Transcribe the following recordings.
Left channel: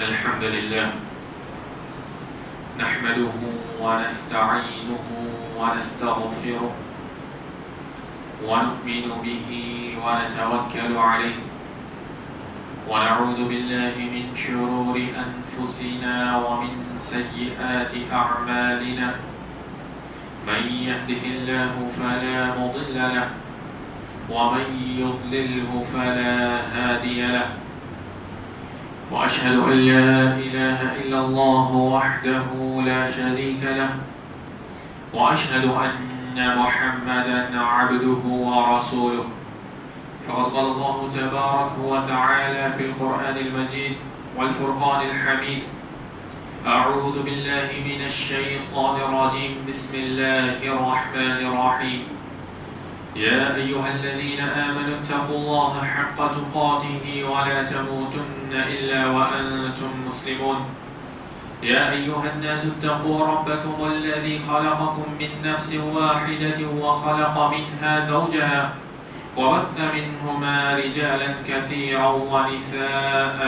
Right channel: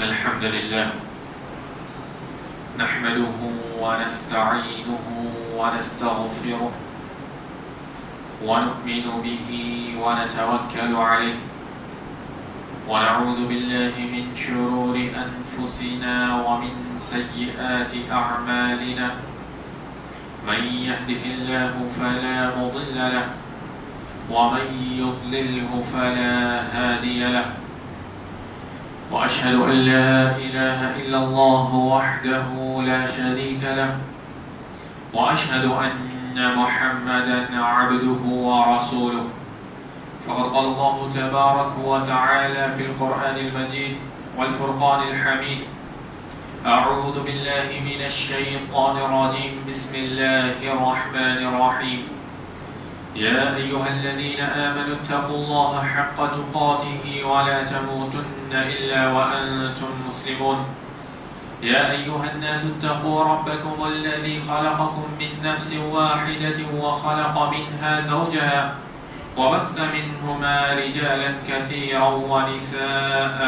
إن الحمد لله نحمده ونستعينه ونستغفره ونؤمن به ونتوكل عليه ونعوذ بالله من شرور أنفسنا ومن سيئات أعمالنا من يهده الله فلا مضل له ومن يضلله فلا هادي له وأشهد أن لا إله إلا الله وحده لا شريك له وأشهد أن محمدا عبده ورسوله فقد قال الله تبارك وتعالى في القرآن المجيد والفرقان الحميد أعوذ بالله من الشيطان الرجيم بسم الله الرحمن الرحيم يا أيها الذين آمنوا اتقوا الله حق تقاته ولا تموتن إلا وأنتم مسلمون يا أيها الناس اتقوا ربكم الذي خلقكم من نفس واحدة وخلق منها زوجها وبث منهما رجالا كثيرا ونساء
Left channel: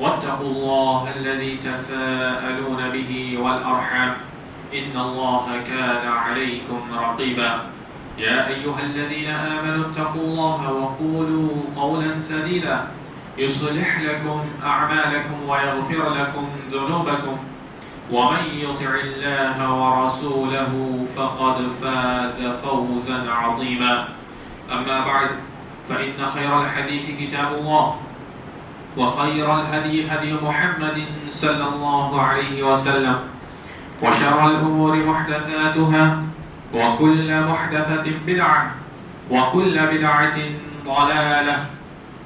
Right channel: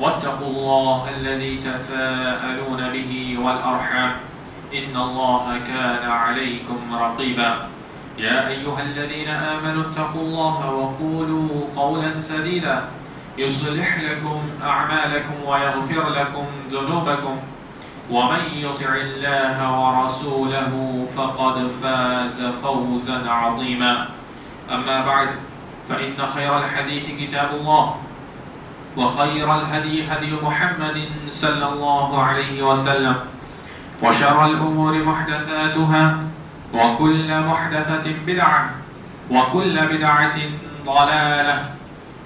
واتقوا الله الذي تساءلون به والأرحام إن الله كان عليكم رقيبا يا أيها الذين آمنوا اتقوا الله وقولوا قولا سديدا يصلح لكم أعمالكم ويغفر لكم ذنوبكم ومن يطع الله ورسوله فقد فاز فوزا عظيما أما بعد فإن خير الحديث كتاب الله وخير الهدي هدي محمد صلى الله عليه وسلم وشر الأمور محدثاتها وكل محدثة بدعة وكل بدعة ضلالة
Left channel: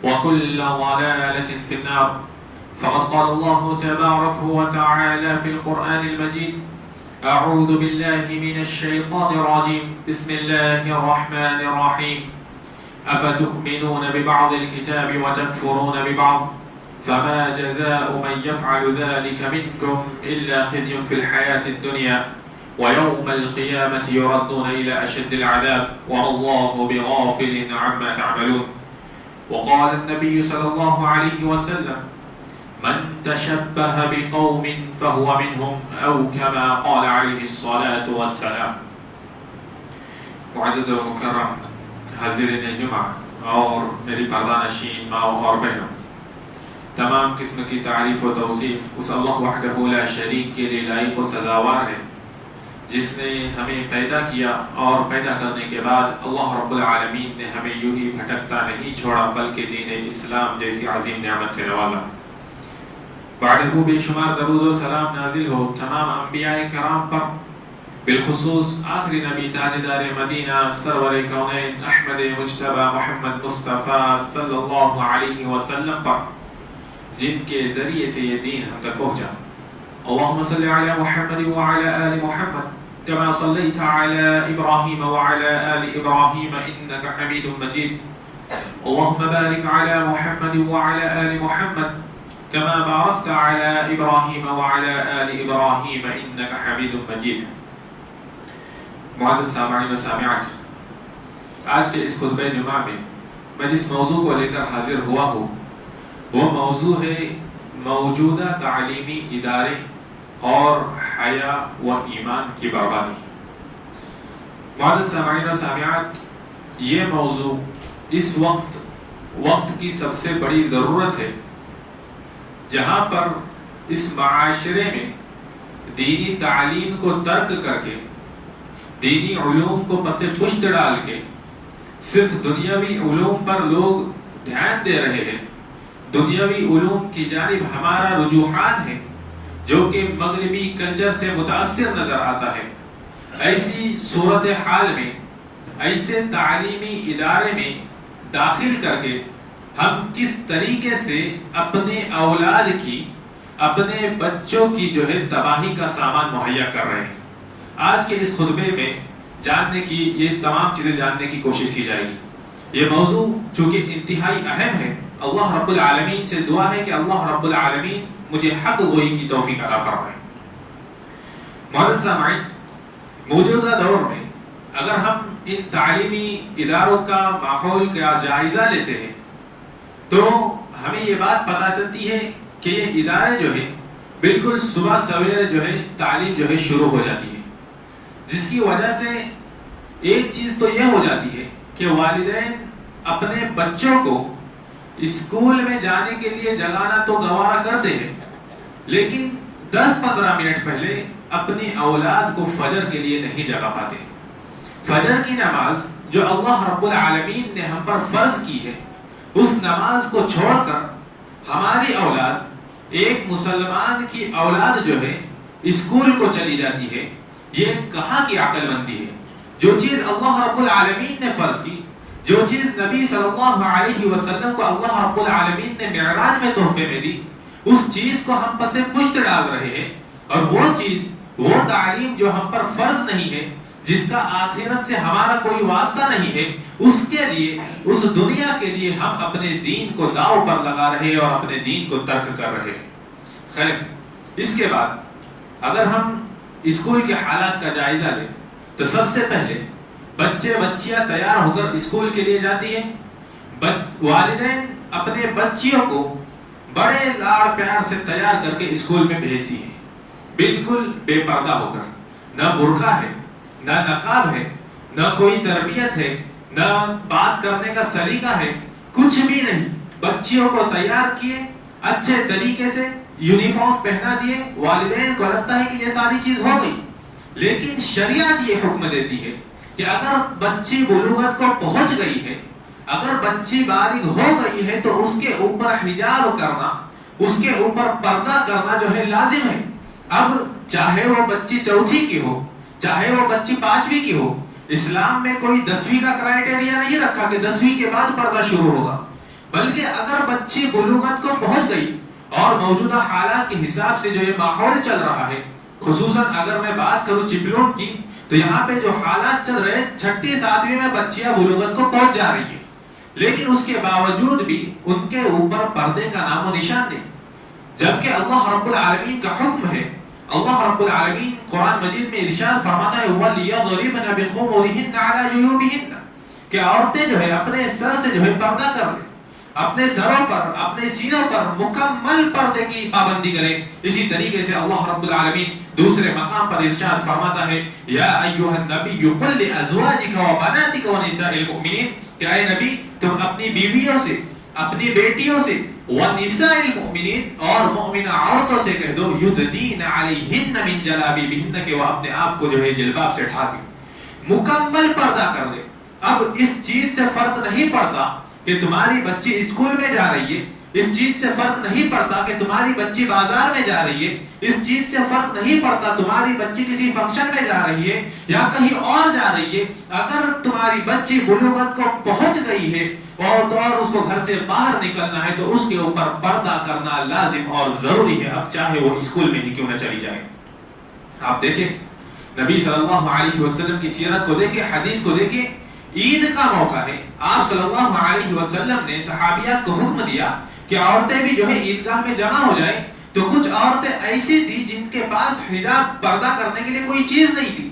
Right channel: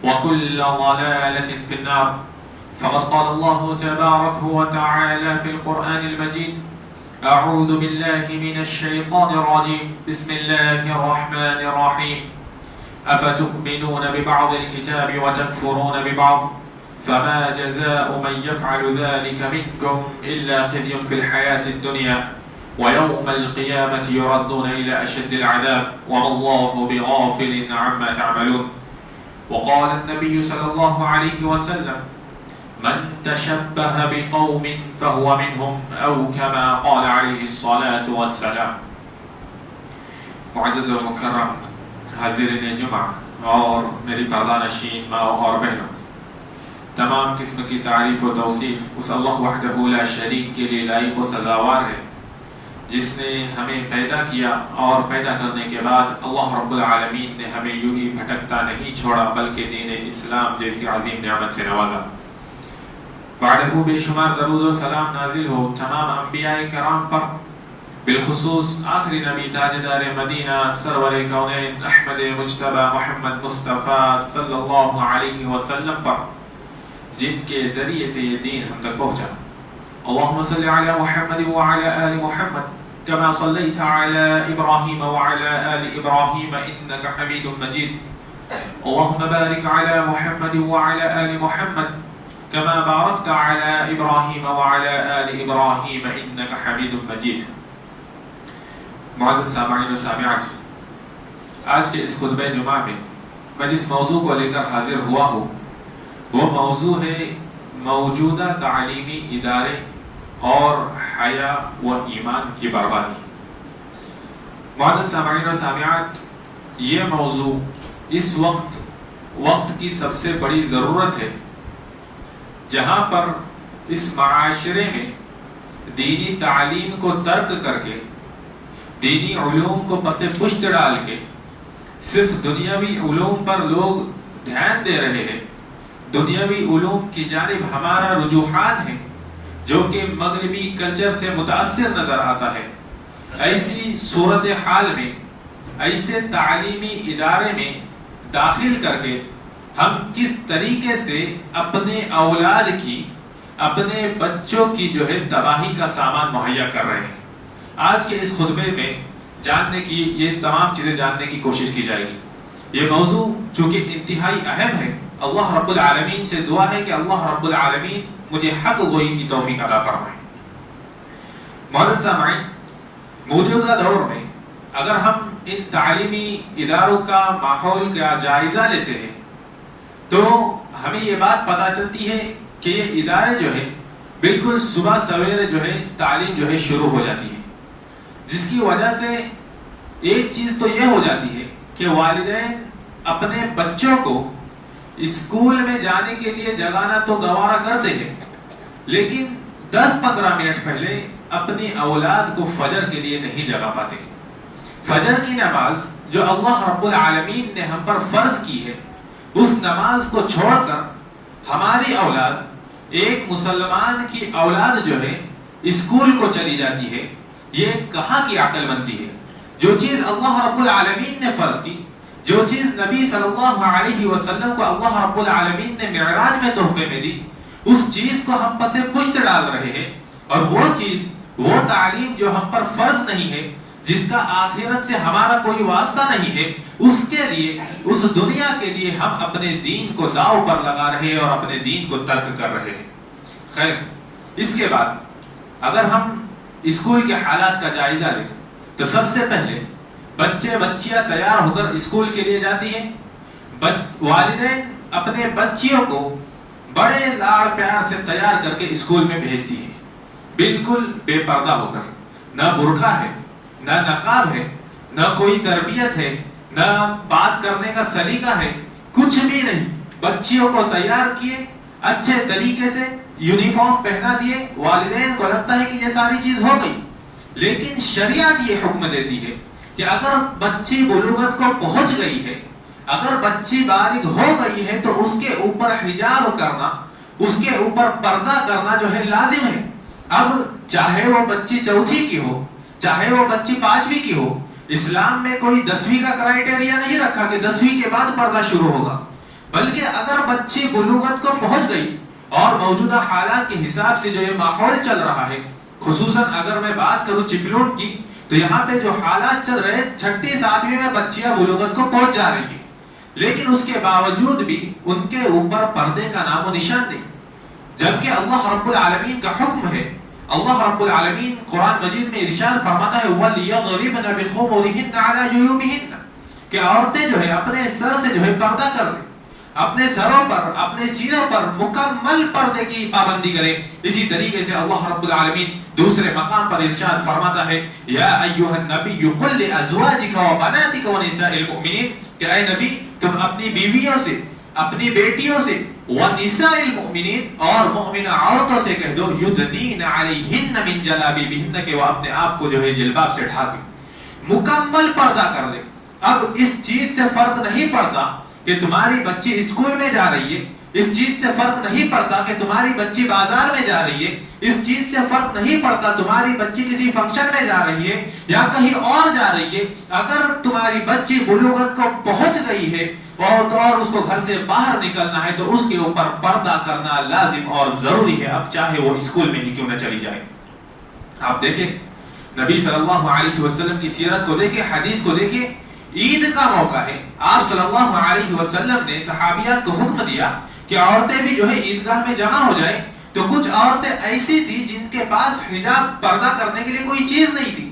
وكل ضلالة في النار فقد قال الله تبارك وتعالى في القرآن المجيد أعوذ بالله من الشيطان الرجيم بسم الله الرحمن الرحيم أفتؤمنون ببعض الكتاب وتكفرون ببعض فما جزاء من يفعل ذلك منكم إلا خزي في الحياة الدنيا ويوم القيامة يردون إلى أشد العذاب والله بغافل عما تعملون وقال النبي صلى الله عليه وسلم من تشبه بقوم فهو منهم أو كما قال عليه الصلاة والسلام. معزز و مکرم حاضرین جمعہ اور میری پردہ نشین ماں اور بہنوں، تمام قسم کی تعریف و توصیف اس اللہ وحدہ لا شریک کے لیے لائق و سزاوار ہے جس نے ہمیں پیدا کیا اور پیدا کرنے کے بعد اللہ رب العالمین نے ہمیں یوں ہی بھٹکتا نہیں چھوڑا بلکہ دین اسلام جیسی عظیم نعمت سے نوازا۔ بعدہ بے شمار درود و سلام نازل ہو تمام انبیاء کرام پر، بالخصوص آخری نبی تاجدار مدینہ سرور کونین احمد مجتبی محمد مصطفیٰ صلی اللہ علیہ وسلم پر، جن کے ذریعے سے یہ دین ہم تک پہنچا۔ اللهم صل على محمد وعلى آل محمد كما صليت على إبراهيم وعلى آل إبراهيم إنك حميد مجيد اللهم بارك على محمد وعلى آل محمد كما باركت على إبراهيم وعلى آل إبراهيم إنك حميد مجيد۔ معزز سامعین و سامعات، آج کے اس خطبہ جمعہ میں جس موضوع کو لے کر حاضر ہوا ہوں وہ موضوع ہے موجودہ تعلیمی ادارے اور حیا و ایمان کی بربادی۔ معزز سامعین و سامعات، یہ موضوع اس وقت کی سب سے بڑی ضرورت ہے جہاں پر اس معاشرے میں دینی تعلیم کو ترک کر کے، دینی علوم کو پس پشت ڈال کے صرف دنیاوی علوم پر لوگ دھیان دے رہے ہیں۔ دنیاوی علوم کی جانب ہمارا رجوحان ہے جو کہ مغربی کلچر سے متاثر نظر آتا ہے۔ ایسی صورتحال میں، ایسے تعلیمی ادارے میں داخل کر کے ہم کس طریقے سے اپنے اولاد کی، اپنے بچوں کی جو ہے تباہی کا سامان مہیا کر رہے ہیں، آج کے اس خطبے میں یہ تمام چیزیں جاننے کی کوشش کی جائے گی۔ یہ موضوع چونکہ انتہائی اہم ہے، اللہ رب العالمین سے دعا ہے کہ اللہ رب العالمین مجھے حق گوئی کی توفیق عطا فرمائے۔ معزز سامعین، موجودہ دور میں اگر ہم ان تعلیمی اداروں کا ماحول کا جائزہ لیتے ہیں تو ہمیں یہ بات پتہ چلتی ہے کہ یہ ادارے جو ہے بالکل صبح سویرے جو ہے تعلیم جو ہے شروع ہو جاتی ہے، جس کی وجہ سے ایک چیز تو یہ ہو جاتی ہے کہ والدین اپنے بچوں کو اسکول میں جانے کے لیے جگانا تو گوارا کرتے ہیں، لیکن 10-15 منٹ پہلے اپنی اولاد کو فجر کے لیے نہیں جگا پاتے۔ فجر کی نماز جو اللہ رب العالمین نے ہم پر فرض کی ہے، اس نماز کو چھوڑ کر ہماری اولاد، ایک مسلمان کی اولاد جو ہے اسکول کو چلی جاتی ہے، یہ کہاں کی عقل مندی ہے؟ جو چیز اللہ رب العالمین نے فرض کی، جو چیز نبی صلی اللہ علیہ وسلم کو اللہ رب العالمین نے معراج میں تحفے میں دی، اس چیز کو ہم پسے پشت ڈال رہے ہیں، اور وہ چیز، وہ تعلیم جو ہم پر فرض نہیں ہے، جس کا آخرت سے ہمارا کوئی واسطہ نہیں ہے، اس کے لیے، اس دنیا کے لیے ہم اپنے دین کو داؤ پر لگا رہے ہیں اور اپنے دین کو ترک کر رہے ہیں۔ خیر، اس کے بعد اگر ہم اسکول کے حالات کا جائزہ لیں تو سب سے پہلے بچے بچیاں تیار ہو کر اسکول کے لیے جاتی ہیں۔ والدین اپنے بچیوں کو بڑے لاڑ پیار سے تیار کر کے اسکول میں بھیجتی ہیں، بالکل بے پردہ ہو کر، نہ برقع ہے، نہ نقاب ہے، نہ کوئی تربیت ہے، نہ بات کرنے کا سلیقہ ہے، کچھ بھی نہیں۔ بچیوں کو تیار کیے، اچھے طریقے سے یونیفارم پہنا دیے، والدین کو لگتا ہے کہ یہ ساری چیز ہو گئی، لیکن شریعت یہ حکم دیتی ہے کہ اگر بچی بلوغت کو پہنچ گئی ہے، اگر بچی بالغ ہو گئی ہے، تو اس کے اوپر حجاب کرنا، اس کے اوپر پردہ کرنا جو ہے لازم ہے۔ اب چاہے وہ بچی چوتھی کی ہو، چاہے وہ بچی 5ویں کی ہو، اسلام میں کوئی 10ویں کا کرائیٹیریا نہیں رکھا کہ 10ویں کے بعد پردہ شروع ہوگا، بلکہ اگر بچی بلوغت کو پہنچ گئی اور موجودہ حالات کے حساب سے جو یہ ماحول چل رہا ہے، خصوصاً اگر میں بات کروں چپلون کی، تو یہاں پہ جو حالات چل رہے، 6 7ویں میں بچیاں بلوغت کو پہنچ جا رہی ہیں، لیکن اس کے باوجود بھی ان کے اوپر پردے کا نام و نشان نہیں، جبکہ اللہ رب العالمین کا حکم ہے۔ اللہ رب العالمین قرآن مجید میں ارشاد فرماتا ہے وَلْيَضْرِبْنَ بِخُمُرِهِنَّ عَلَى جُيُوبِهِنَّ، کہ عورتیں جو ہے اپنے سر سے جو ہے پردہ کر لیں، اپنے سروں پر، اپنے سینوں پر مکمل پردے کی پابندی کریں۔ اسی طریقے سے اللہ رب العالمین دوسرے مقام پر ارشاد فرماتا ہے یا ایھا النبی قل لازواجک وبناتک ونساء المؤمنین، کہ اے نبی تم اپنی بیویوں سے، اپنی بیٹیوں سے، ونساء المؤمنین اور مؤمنہ عورتوں سے کہہ دو یدنین علیہن من جلابیبہن، کہ وہ اپنے آپ کو جو ہے جلباب سے ڈھانپیں، مکمل پردہ کر لیں۔ اب اس چیز سے فرق نہیں پڑتا کہ تمہاری بچی اسکول میں جا رہی ہے، اس چیز سے فرق نہیں پڑتا کہ تمہاری بچی بازار میں جا رہی ہے، اس چیز سے فرق نہیں پڑتا تمہاری بچی کسی فنکشن میں جا رہی ہے یا کہیں اور جا رہی ہے، اگر تمہاری بچی بلوغت کو پہنچ گئی ہے اور اس کو گھر سے باہر نکلنا ہے تو اس کے اوپر پردہ کرنا لازم اور ضروری ہے، اب چاہے وہ اسکول میں ہی کیوں نہ چلی جائے۔ آپ دیکھیں نبی صلی اللہ علیہ وسلم کی سیرت کو دیکھیں، حدیث کو دیکھیں، عید کا موقع ہے، آپ صلی اللہ علیہ وسلم نے صحابیات کو حکم دیا کہ عورتیں بھی جو ہے عیدگاہ میں جمع ہو جائیں، تو کچھ عورتیں ایسی تھی جن کے پاس حجاب پردہ کرنے کے لیے کوئی چیز نہیں تھی،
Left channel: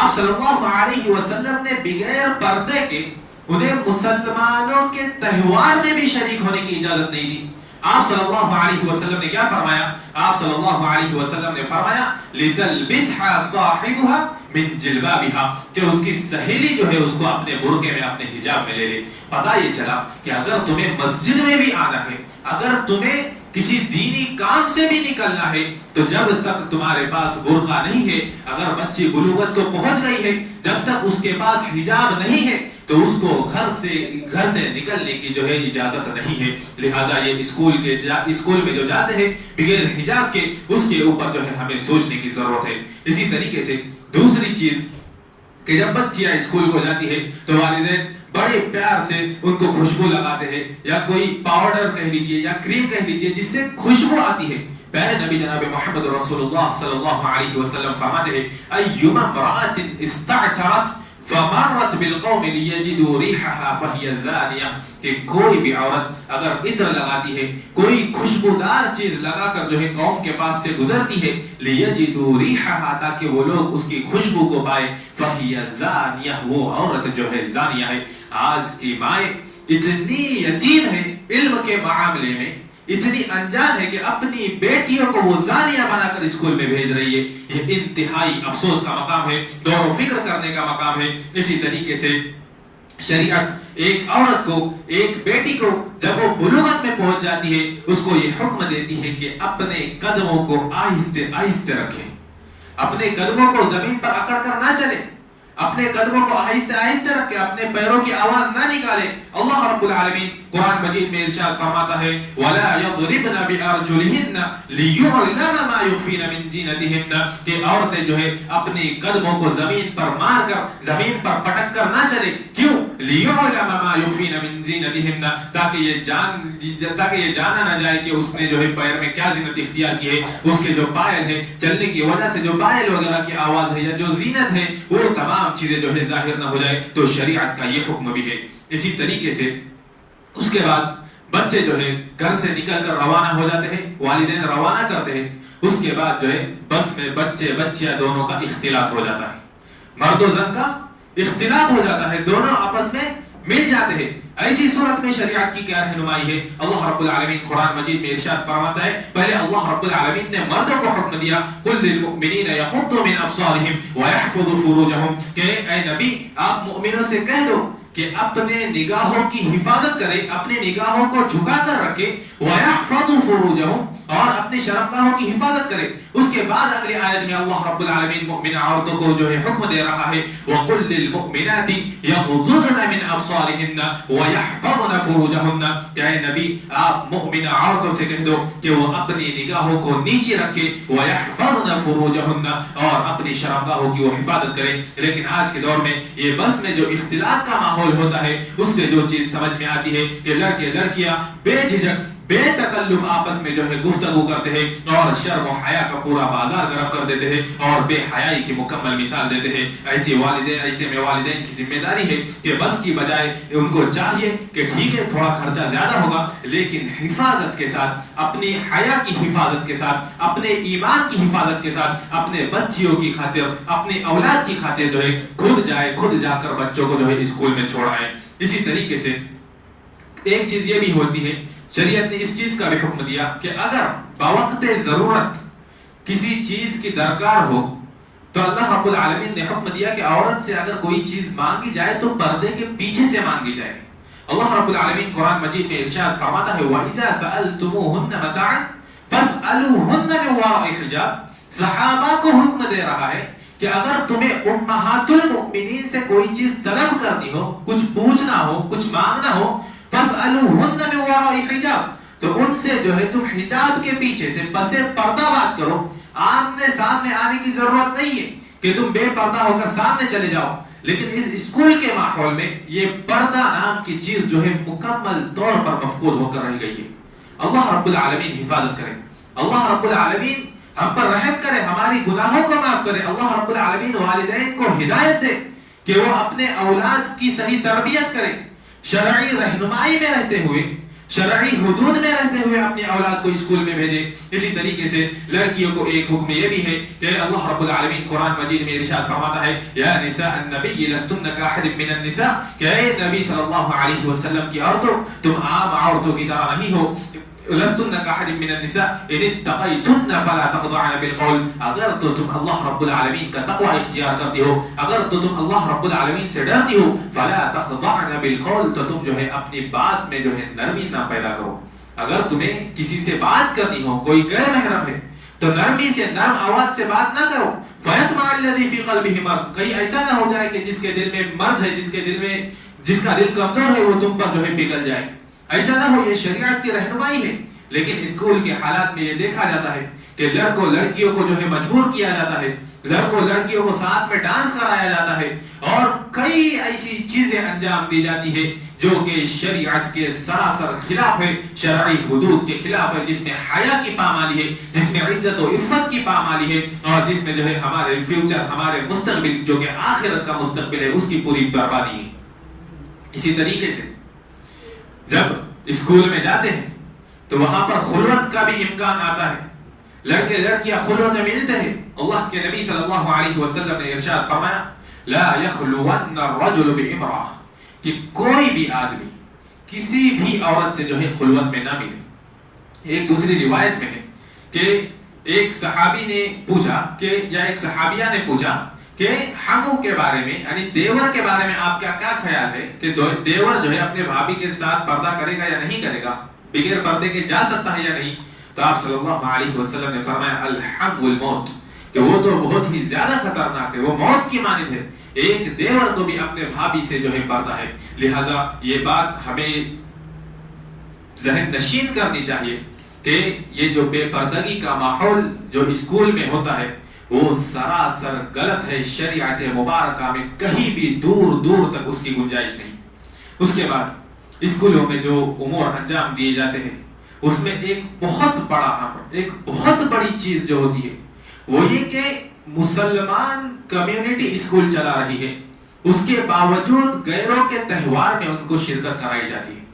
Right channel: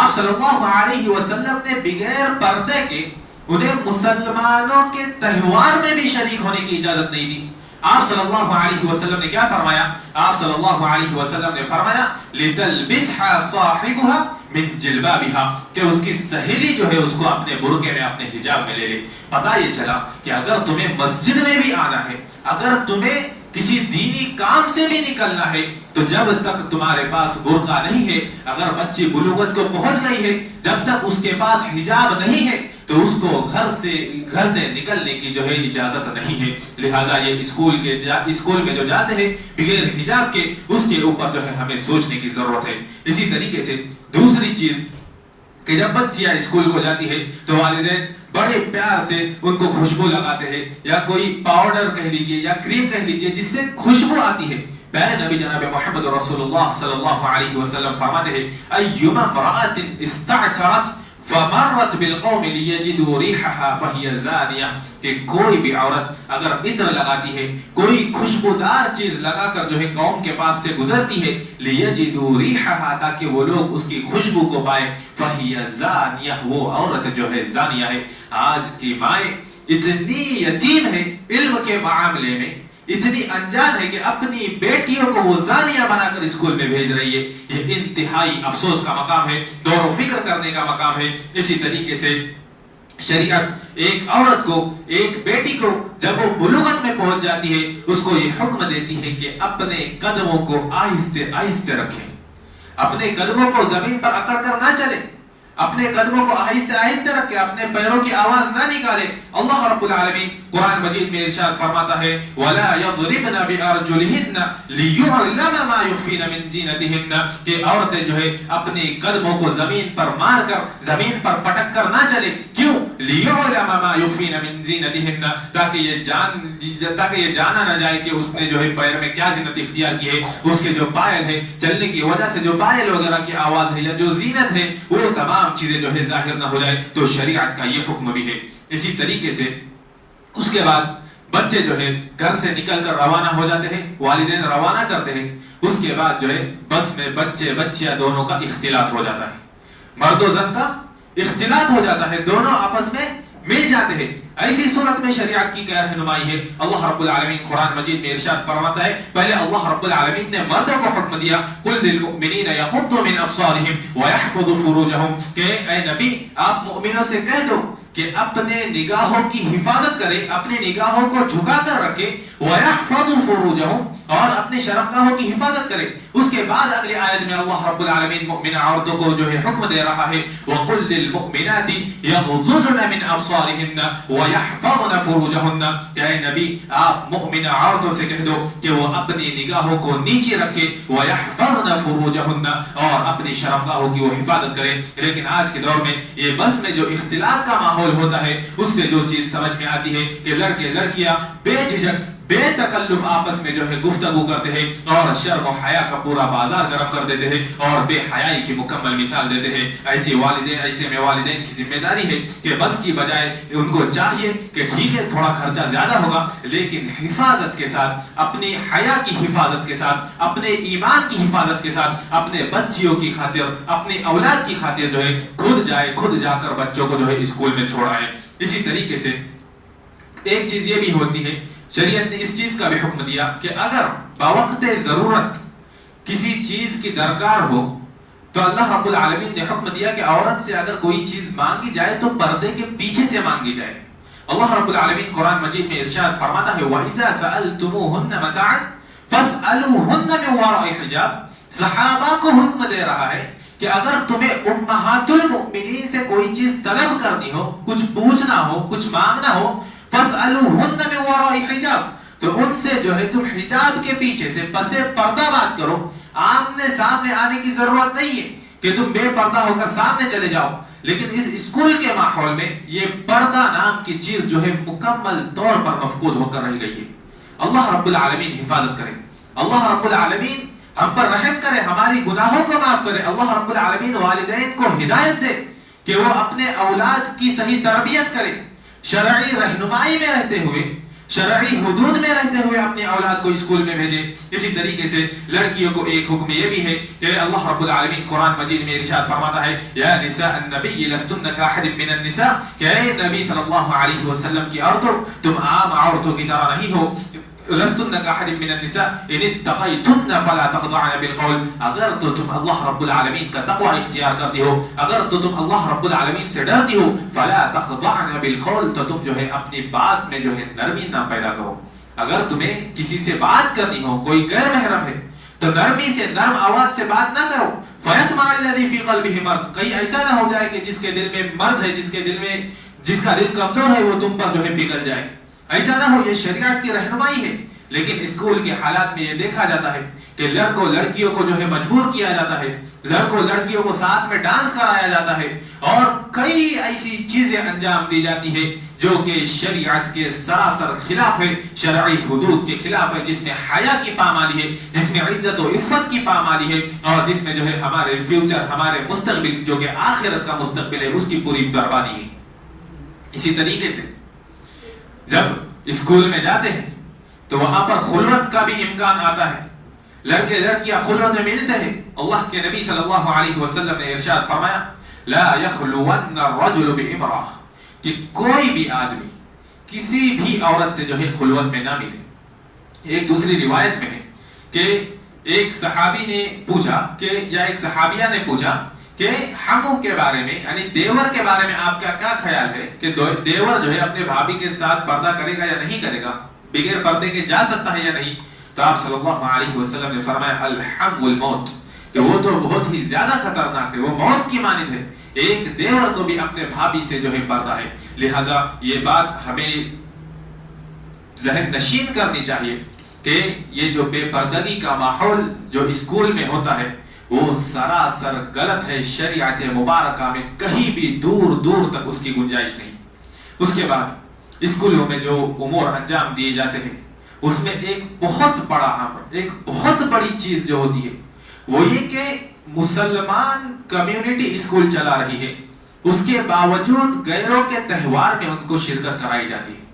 آپ صلی اللہ علیہ وسلم نے بغیر پردے کے انہیں مسلمانوں کے تہوار میں بھی شریک ہونے کی اجازت نہیں دی۔ آپ صلی اللہ علیہ وسلم نے کیا فرمایا؟ آپ صلی اللہ علیہ وسلم نے فرمایا لِتَلْبِسْهَا صَاحِبُهَا من جلبابها، کہ اس کی سہیلی جو ہے اس کو اپنے برقعے میں، اپنے حجاب میں لے لے۔ پتہ یہ چلا کہ اگر تمہیں مسجد میں بھی آنا ہے، اگر تمہیں کسی دینی کام سے بھی نکلنا ہے، تو جب تک تمہارے پاس برقع نہیں ہے، اگر بچی بلوغت کو پہنچ گئی ہے، جب تک اس کے پاس حجاب نہیں ہے تو اس کو گھر سے نکلنے کی جو ہے اجازت نہیں ہے۔ لہٰذا یہ اسکول میں جو جاتے ہیں بغیر حجاب کے، اس کے اوپر جو ہے ہمیں سوچنے کی ضرورت ہے۔ اسی طریقے سے دوسری چیز کہ جب بچیاں اسکول کو جاتی ہے تو والدین بڑے پیار سے ان کو خوشبو لگاتے ہیں، یا کوئی پاؤڈر کہہ لیجئے یا کریم کہہ لیجئے جس سے خوشبو آتی ہے۔ پیارے نبی جناب محمد رسول اللہ صلی اللہ علیہ وسلم فرماتے ہیں ایما امرأة استعطرت فمرت بالقوم لیجدوا ریحها فہی زانیہ، کہ کوئی بھی عورت اگر عطر لگاتی ہے، کوئی خوشبودار چیز لگا کر جو ہے قوم کے پاس سے گزرتی ہے، لیجدوا ریحها، تاکہ وہ لوگ اس کی خوشبو کو پائے، فہی زانیہ، وہ عورت جو ہے زانیہ ہے۔ آج کی مائیں اتنی یتیم ہے علم کے معاملے میں اتنی انجان ہے کہ اپنی بیٹیوں کو وہ زانیہ بنا کر اسکول میں بھیج رہی ہے. یہ انتہائی افسوس کا مقام ہے، غور و فکر کرنے کا مقام ہے. اسی طریقے سے شریعت ایک عورت کو، ایک بیٹی کو جب وہ بلوغت میں پہنچ جاتی ہے اس کو یہ حکم دیتی ہے کہ اپنے قدموں کو آہستہ آہستہ رکھیں، اپنے قدموں کو زمین پر اکڑ کر نہ چلے، اپنے قدموں کو آہستہ آہستہ رکھے، اپنے پیروں کی آواز نہ نکالے. اللہ رب العالمین قرآن مجید میں ارشاد فرماتا ہے وَلَا يَضْرِبْنَ بِأَرْجُلِهِنَّ لِيُعْلَمَ مَا يُخْفِينَ مِنْ زِينَتِهِنَّ کہ عورتیں جو ہے اپنے قدموں کو زمین پر مار کر، زمین پر پٹک کر نہ چلے. کیوں؟ لِيُعْلَمَ مَا يُخْفِينَ مِنْ زِينَتِهِنَّ تاکہ یہ جانا نہ جائے کہ اس نے جو ہے پیر میں کیا زینت اختیار کی ہے. اس کے جو پائل ہے، چلنے کی وجہ سے جو پائل وغیرہ کی آواز ہے یا جو زینت ہے وہ تمام چیزیں جو ہے ظاہر نہ ہو جائے. تو شریعت کا یہ حکم بھی ہے. اسی طریقے سے اس کے بعد بچے جو ہے گھر سے نکل کر روانہ ہو جاتے ہیں، والدین روانہ کرتے ہیں. اس کے بعد جو ہے بس میں بچے بچیاں دونوں کا اختلاط ہو جاتا ہے، مرد و زن کا اختلاط ہو جاتا ہے، دونوں آپس میں مل جاتے ہیں. ایسی صورت میں شریعت کی کیا رہنمائی ہے؟ اللہ رب العالمین قرآن مجید میں ارشاد فرماتا ہے، پہلے اللہ رب العالمین نے مردوں کو حکم دیا قُلْ لِلْمُؤْمِنِينَ يَغُضُّوا مِنْ أَبْصَارِهِمْ وَيَحْفَظُوا فُرُوجَهُمْ کہ اے نبی آپ مؤمنوں سے کہہ دو کہ اپنے نگاہوں کی حفاظت کرے، اپنی نگاہوں کو جھکا کر رکھے، وَيَحْفَظُوا فُرُوجَهُمْ اور اپنی شرمگاہوں کی حفاظت کرے. اس کے بعد اگلی آیت میں اللہ رب العالمین مؤمنہ عورتوں کو جو ہے حکم دے رہا ہے وَقُلْ لِلْمُؤْمِنَاتِ يَغْضُضْنَ مِنْ أَبْصَارِهِنَّ وَيَحْفَظْنَ فُرُوجَهُنَّ کہ اے نبی آپ مؤمنہ عورتوں سے کہہ دو کہ وہ اپنی نگاہوں کو نیچے رکھے، وَيَحْفَظْنَ فُرُوجَهُنَّ اور اپنی شرمگاہوں کی وہ حفاظت کرے. لیکن آج کے دور میں یہ بس میں جو اختلاط کا ماحول ہوتا ہے اس سے جو چیز سمجھ میں آتی ہے کہ لڑکے لڑکیاں بے جھجک بے تکلف آپس میں جو ہے گفتگو کرتے ہیں اور شرم و حیا کا پورا بازار گرم کر دیتے ہیں اور بے حیائی کی مکمل مثال دیتے ہیں. ایسے میں والدین کی ذمہ داری ہے کہ بس کی بجائے ان کو چاہیے کہ ٹھیک ہے تھوڑا خرچہ زیادہ ہوگا لیکن حفاظت کے ساتھ، اپنی حیا کی حفاظت کے ساتھ، اپنے ایمان کی حفاظت کے ساتھ، اپنے بچیوں کی خاطر، اپنی اولاد کی خاطر جو ہے خود جا کر بچوں کو جو ہے اسکول میں چھوڑائیں. اسی طریقے سے ایک چیز یہ بھی ہوتی ہے، شریعت نے اس چیز کا بھی حکم دیا کہ اگر بوقت ضرورت کسی چیز کی درکار ہو تو اللہ رب العالمین نے حکم دیا کہ عورت سے اگر کوئی چیز مانگی جائے تو پردے کے پیچھے سے مانگی جائے. اللہ رب العالمین قرآن مجید میں ارشاد فرماتا ہے وَإِذَا سَأَلْتُمُوهُنَّ مَتَاعًا فَاسْأَلُوهُنَّ مِنْ وَرَاءِ حِجَابٍ صحابہ کو حکم دے رہا ہے کہ اگر تمہیں امہات المؤمنین سے کوئی چیز طلب کرنی ہو، کچھ پوچھنا ہو، کچھ مانگنا ہو، فَاسْأَلُوهُنَّ مِنْ وَرَاءِ حِجَابٍ تو ان سے جو ہے تم حجاب کے پیچھے سے پس پردہ بات کرو. آمنے سامنے آنے کی ضرورت نہیں ہے کہ تم بے پردہ ہو کر سامنے چلے جاؤ. لیکن اس اسکول کے ماحول میں یہ پردہ نام کی چیز جو ہے مکمل طور پر مفقود ہو کر رہ گئی ہے. اللہ رب العالمین حفاظت کرے، اللہ رب العالمین ہم پر رحم کرے، ہماری گناہوں کو معاف کرے. اللہ رب العالمین والدین کو ہدایت دے کہ وہ اپنے اولاد کی صحیح تربیت کرے، شرعی رہنمائی میں رہتے ہوئے، شرعی حدود میں رہتے ہوئے اپنی اولاد کو اسکول میں بھیجے. اسی طریقے سے لڑکیوں کو ایک حکم یہ بھی ہے کہ اللہ رب العالمین قرآن مجید میں ارشاد فرماتا ہے یا نساء النبی لستن کاحد من النساء کہ اے نبی صلی اللہ علیہ وسلم کی عورتوں تم عام عورتوں کی طرح نہیں ہو. لستن کاحد من النساء ان اتقیتن فلا تخضعن بالقول اگر تو تم اللہ رب العالمین کا تقوی اختیار کرتی ہو، اگر تو تم اللہ رب العالمین سے ڈرتی ہو، فلا تخضعن بالقول تو تم جو ہے اپنی بات میں جو ہے نرمی نہ پیدا کرو. اگر تمہیں کسی سے بات کرنی ہو، کوئی غیر محرم ہے تو نرمی سے، نرم آواز سے بات نہ کرو. فیطمع الذی فی قلبہ مرض کہیں ایسا نہ ہو جائے کہ جس کے دل میں مرض ہے، جس کا دل کمزور ہے وہ تم پر جو ہے پگھل جائے. ایسا نہ ہو، یہ شریعت کی رہنمائی ہے. لیکن اسکول کے حالات میں یہ دیکھا جاتا ہے کہ لڑکوں لڑکیوں کو جو ہے مجبور کیا جاتا ہے، لڑکوں لڑکیوں کو ساتھ میں ڈانس کرایا جاتا ہے اور کئی ایسی چیزیں انجام دی جاتی ہے جو کہ شریعت کے سراسر خلاف ہے، شرعی حدود کے خلاف ہے، جس میں حیا کی پامالی ہے، جس میں عزت و عفت کی پامالی ہے اور جس میں جو ہے ہمارے فیوچر، ہمارے مستقبل جو کہ آخرت کا مستقبل ہے اس کی پوری بربادی ہے. اسی طریقے سے جب اسکول میں جاتے ہیں تو وہاں پر خلوت کا بھی امکان آتا ہے، لڑکے لڑکیاں خلوت میں ملتے ہیں. اللہ کے نبی صلی اللہ علیہ وسلم نے ارشاد فرمایا لا يخلون الرجل بامرأة کہ کوئی بھی آدمی کسی بھی عورت سے جو ہے خلوت میں نہ ملے. ایک دوسری روایت میں ہے کہ ایک صحابی نے پوچھا کہ یا ایک صحابیہ نے پوچھا کہ حمو کے بارے میں یعنی دیور کے بارے میں آپ کا کیا خیال ہے کہ دیور جو ہے اپنے بھابھی کے ساتھ پردہ کرے گا یا نہیں کرے گا، بغیر پردے کے جا سکتا ہے یا نہیں؟ تو آپ صلی اللہ علیہ وسلم نے فرمایا الحم الموت، کہ وہ تو بہت ہی زیادہ خطرناک ہے، وہ موت کی مانند ہے، ایک دیور کو بھی اپنے بھابھی سے جو ہے پردہ ہے۔ لہذا یہ بات ہمیں ذہن نشین کرنی چاہیے کہ یہ جو بے پردگی کا ماحول جو اسکول میں ہوتا ہے وہ سراسر غلط ہے، شریعت مبارکہ میں کہیں بھی دور دور تک اس کی گنجائش نہیں۔ اس کے بعد اسکولوں میں جو امور انجام دیے جاتے ہیں اس میں ایک بہت بڑا امر، ایک بہت بڑی چیز جو ہوتی ہے وہ یہ کہ مسلمان کمیونٹی اسکول چلا رہی ہے، اس کے باوجود غیروں کے تہوار میں ان کو شرکت کرائی جاتی ہے۔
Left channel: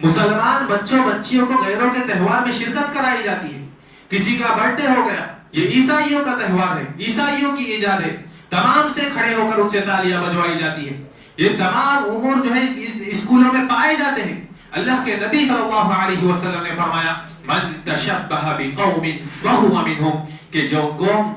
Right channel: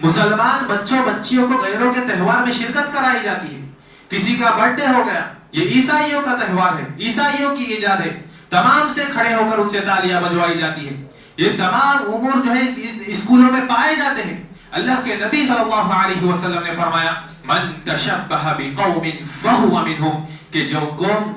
مسلمان بچوں بچیوں کو غیروں کے تہوار میں شرکت کرائی جاتی ہے۔ کسی کا برتھ ڈے ہو گیا، یہ عیسائیوں کا تہوار ہے، عیسائیوں کی ایجاد ہے، تمام سے کھڑے ہو کر ان سے تالیاں بجوائی جاتی ہے۔ یہ تمام امور جو ہے اسکولوں میں پائے جاتے ہیں۔ اللہ کے نبی صلی اللہ علیہ وسلم نے فرمایا من تشبہ بقوم فہو منہم، کہ جو قوم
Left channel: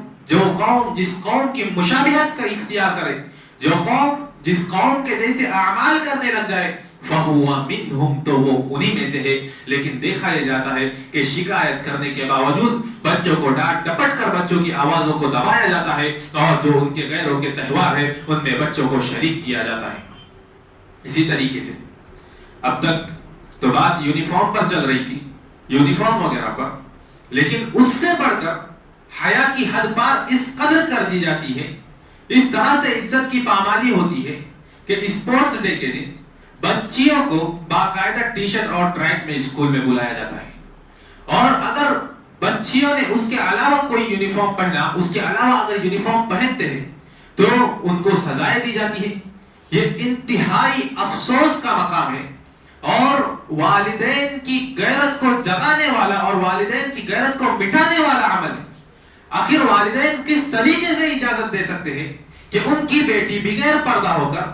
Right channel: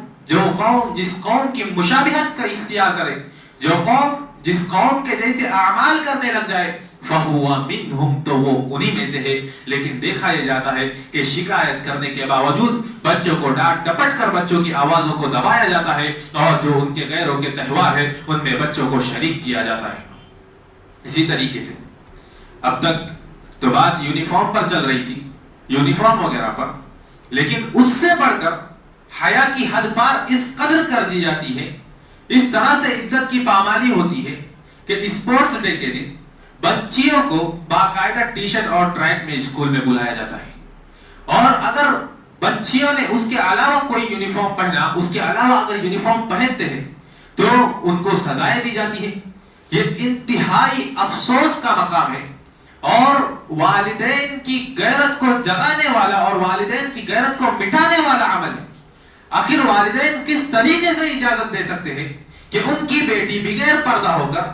جس قوم کی مشابہت کا اختیار کرے، جو قوم جس قوم کے جیسے اعمال کرنے لگ جائے فہو منہم، تو وہ انہی میں سے ہے۔ لیکن دیکھا یہ جاتا ہے کہ شکایت کرنے کے باوجود بچوں کو ڈانٹ ڈپٹ کر بچوں کی آوازوں کو دبایا جاتا ہے، اور جو ان کے غیروں کے تہوار ہے ان میں بچوں کو شریک کیا جاتا ہے۔ اسی طریقے سے اب تک تو بات یونیفارم پر چل رہی تھی، یونیفارم وغیرہ پر، لیکن اس سے بڑھ کر حیا کی حد پار اس قدر کر دی جاتی ہے، اس طرح سے عزت کی پامالی ہوتی ہے کہ اسپورٹس ڈے کے دن بچیوں کو باقاعدہ ٹی شرٹ اور ٹریک میں اسکول میں بلایا جاتا ہے، اور اگر بچیوں نے اس کے علاوہ کوئی یونیفارم پہنا، اس کے علاوہ اگر یونیفارم پہنتے ہیں تو ان کو سزائیں دی جاتی ہے۔ یہ انتہائی افسوس کا مقام ہے اور والدین کی غیرت کو جگانے والا اور والدین کی غیرت کو مٹانے والا عمل ہے۔ آخر والدین کس طریقے سے اجازت دے سکتے ہیں کہ ان کی بیٹی بغیر پردہ ہو کر،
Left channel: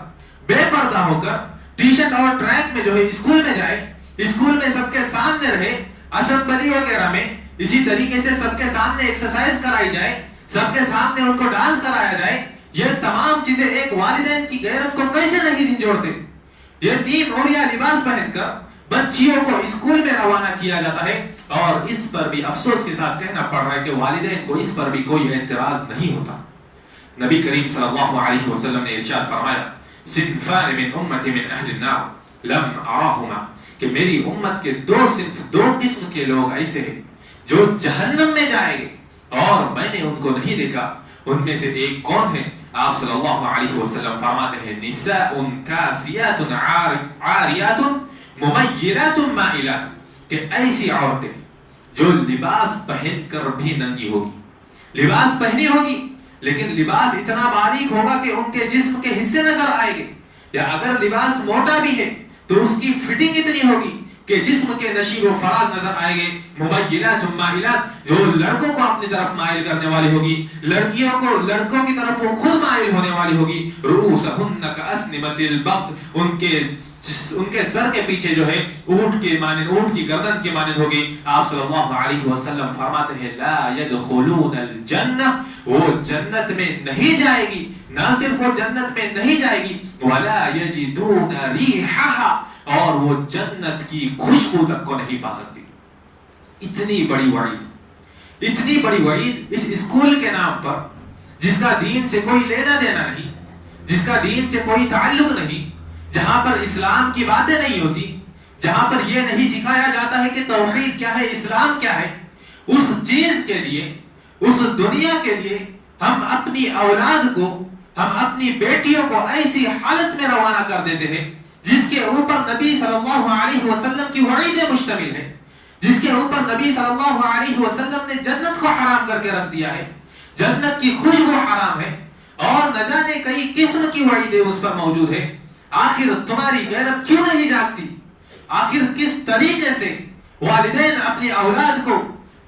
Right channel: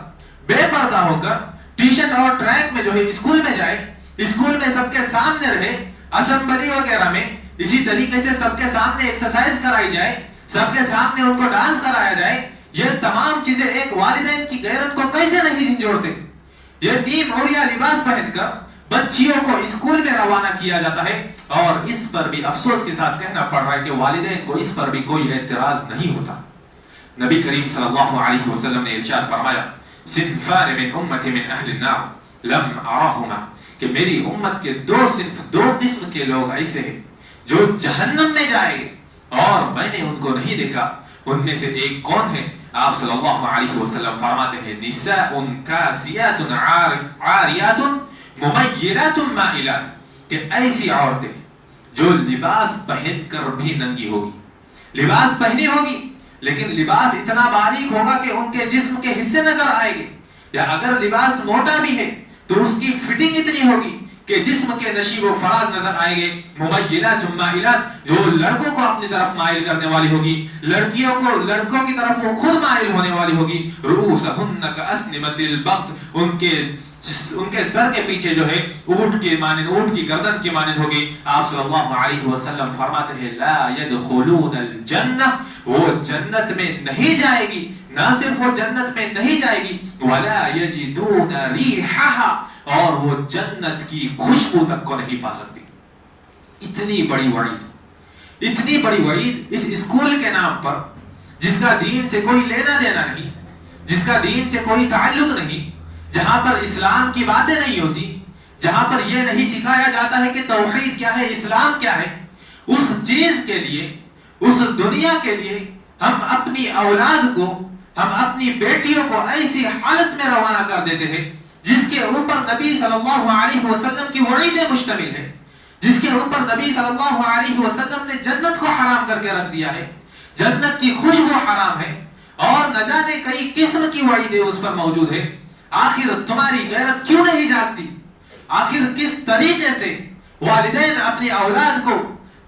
بے پردہ ہو کر ٹی شرٹ اور ٹریک میں جو ہے اسکول میں جائے، اسکول میں سب کے سامنے رہے، اسمبلی وغیرہ میں اسی طریقے سے سب کے سامنے ایکسرسائز کرائی جائے، سب کے سامنے ان کو ڈانس کرایا جائے؟ یہ تمام چیزیں ایک والدین کی غیرت کو کیسے نہیں جھنجھوڑتے؟ یہ نیم اوڑیا لباس پہن کر بچیوں کو اسکول میں روانہ کیا جاتا ہے، اور اس پر بھی افسوس کے ساتھ کہنا پڑ رہا ہے کہ والدین کو اس پر بھی کوئی اعتراض نہیں ہوتا۔ نبی کریم صلی اللہ علیہ وسلم نے ارشاد فرمایا صنفان من امتی من اہل النار لم اراہما، کہ میری امت کے دو قسم کے لوگ ایسے ہیں جو جہنم میں جائیں گے اور میں نے ان کو نہیں دیکھا۔ ان میں سے ایک کون ہے؟ آپ صلی اللہ علیہ وسلم فرماتے ہیں نساء کاسیات عاریات ممیلات مائلات، کہ ایسی عورتیں جو لباس پہن کر بھی ننگی ہوگی، لباس پہنی ہوگی لیکن لباس اتنا باریک ہوگا کہ ان کے جسم کے حصے نظر آئیں گے، یا اگر لباس موٹا بھی ہے تو اس کی فٹنگ اتنی ہوگی کہ جسم کے نشیب و فراز نظر آئیں گے۔ ممیلات مائلات، جو لڑکوں کو اپنی طرف مائل کرنے والی ہوگی، لڑکیوں کو لڑکوں کی طرف وہ خود مائل ہونے والی ہوگی۔ رؤوسہن کاسنمۃ البخت، ان کے سر کے پیچھے جو ہے اونٹ کے مانند، اونٹ کی گردن کے مانند ہوگی۔ آپ صلی اللہ علیہ وسلم فرماتے ہیں لا يدخلون الجنہ، وہ جنت میں نہیں جائے گی، نہ صرف وہ جنت میں نہیں جائے گی ولا یجدون ریحھا، اور وہ جنت کی خوشبو تک کو نہیں پا سکتی۔ اتنی بڑی وعید، اتنی بڑی وعید اس اسکول کے نام پر، جس کا دین سے کوئی لینا دینا نہیں، جس کا دین سے کوئی تعلق نہیں، جہاں پر اسلام کی باتیں نہیں ہوتی، جہاں پر یہ نہیں سکھایا جاتا ہے کہ توحید کیا ہے، اسلام کیا ہے۔ اس چیز کے لیے، اس دنیا کے لیے ہم اپنی اولاد کو، ہم اپنی بیٹیوں کو ایسی حالت میں روانہ کر دیتے ہیں جس کے اوپر نبی صلی اللہ علیہ وسلم کی وعیدیں مشتمل ہے، جس کے اوپر نبی صلی اللہ علیہ وسلم نے جنت کو حرام کر کے رکھ دیا ہے، جنت کی خوشبو حرام ہے، اور نہ جانے کئی قسم کی وعیدیں اس پر موجود ہے۔ آخر تمہاری غیرت کیوں نہیں جاگتی؟ آخر کس طریقے سے والدین اپنی اولاد کو،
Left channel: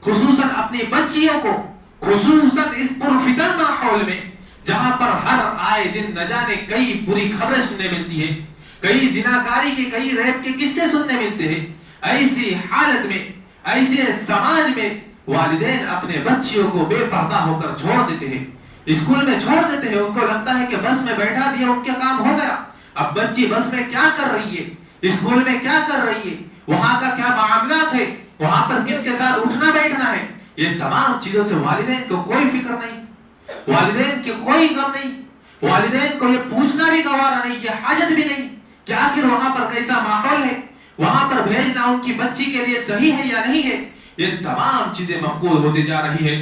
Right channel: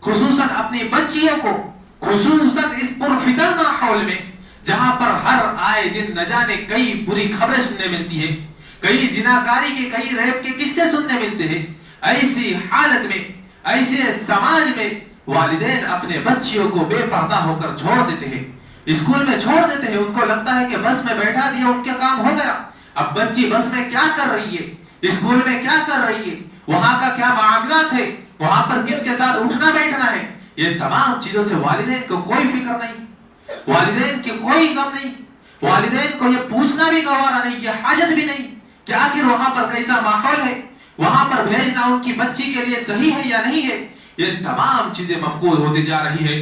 خصوصاً اپنی بچیوں کو، خصوصاً اس پرفتن ماحول میں جہاں پر ہر آئے دن نہ جانے کئی بری خبریں سننے ملتی ہیں، کئی زناکاری کے، کئی ریپ کے قصے سننے ملتے ہیں، ایسی حالت میں ایسے سماج میں والدین اپنے بچیوں کو بے پردہ ہو کر چھوڑ دیتے ہیں، اسکول میں چھوڑ دیتے ہیں، ان کو لگتا ہے کہ بس میں بیٹھا دیا ان کے کام ہو گیا. اب بچی بس میں کیا کر رہی ہے، اسکول میں کیا کر رہی ہے، وہاں کا کیا معاملات ہے، وہاں پر کس کے ساتھ اٹھنا بیٹھنا ہے، یہ تمام چیزوں سے والدین کو کوئی فکر نہیں، والدین کے کوئی غم نہیں، والدین کو یہ پوچھنا بھی گوارا نہیں، یہ حاجت بھی نہیں کہ آخر وہاں پر کیسا ماحول ہے، وہاں پر بھیجنا ان کی بچی کے لیے صحیح ہے یا نہیں ہے. یہ تمام چیزیں مفقود ہوتی جا رہی ہے.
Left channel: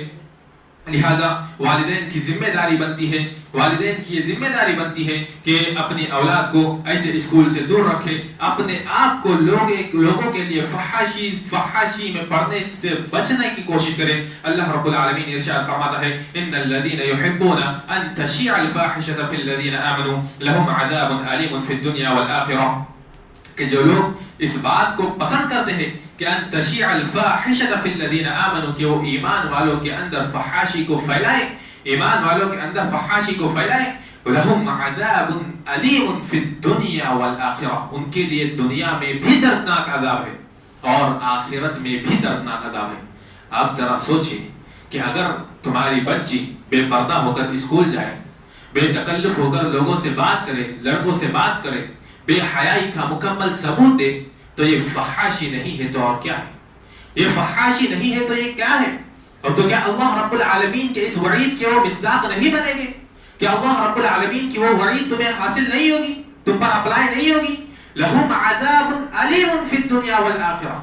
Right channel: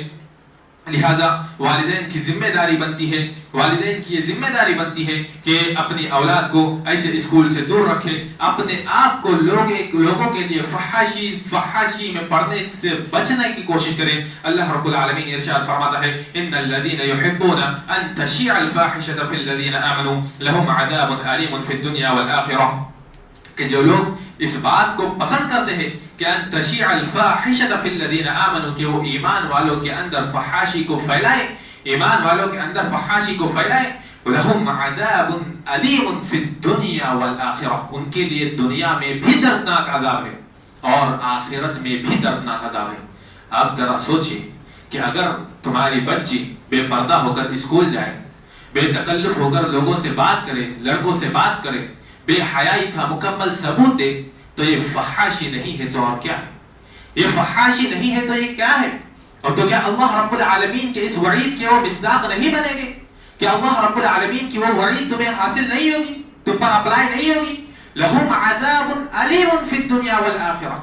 لہذا والدین کی ذمہ داری بنتی ہے، والدین کی یہ ذمہ داری بنتی ہے کہ اپنی اولاد کو ایسے اسکول سے دور رکھے، اپنے آپ کو لوگوں کے لیے فحاشی میں پڑھنے سے بچنے کی کوشش کرے. اللہ رب العالمین ارشاد فرماتا ہے ان الذين يحبون ان تشيع الفاحشة في الذين آمنوا لهم عذاب أليم في الدنيا والآخرة، کہ جو لوگ اس بات کو پسند کرتے ہیں کہ ان تشیع الفاحشۃ فی الذین آمنوا، کہ وہ ایمان والوں کے اندر فحاشی کو پھیلائے، ایمان والوں کے اندر فحاشی کو پھیلائے. لہم عذاب علیم فی الدنیا والآخرہ، ان کے لیے دنیا میں بھی دردناک عذاب ہے اور آخرت میں بھی دردناک عذاب ہے. آپ ذرا سوچئے کہ اگر تمہاری بچی بے پردہ ہو کر اسکول جائے، بے تکلف ہو کر لوگوں سے بات کرے، لڑکوں سے بات کرے، بے حیائی کا مکمل ثبوت دے، تو یہ فحاشی نہیں ہے تو اور کیا ہے؟ یہ فحاشی نہیں ہے تو یہ کیا ہے؟ اور تو کیا اللہ رب العالمین کے اس وعید کے وہ مصداق نہیں بنے گے؟ کیا اللہ رب العالمین کی وہ وعید تمہیں حاصل نہیں ہوگی، تم پر اپلائی نہیں ہوگی؟ لہم عذاب علیم فی الدنیا والآخرہ،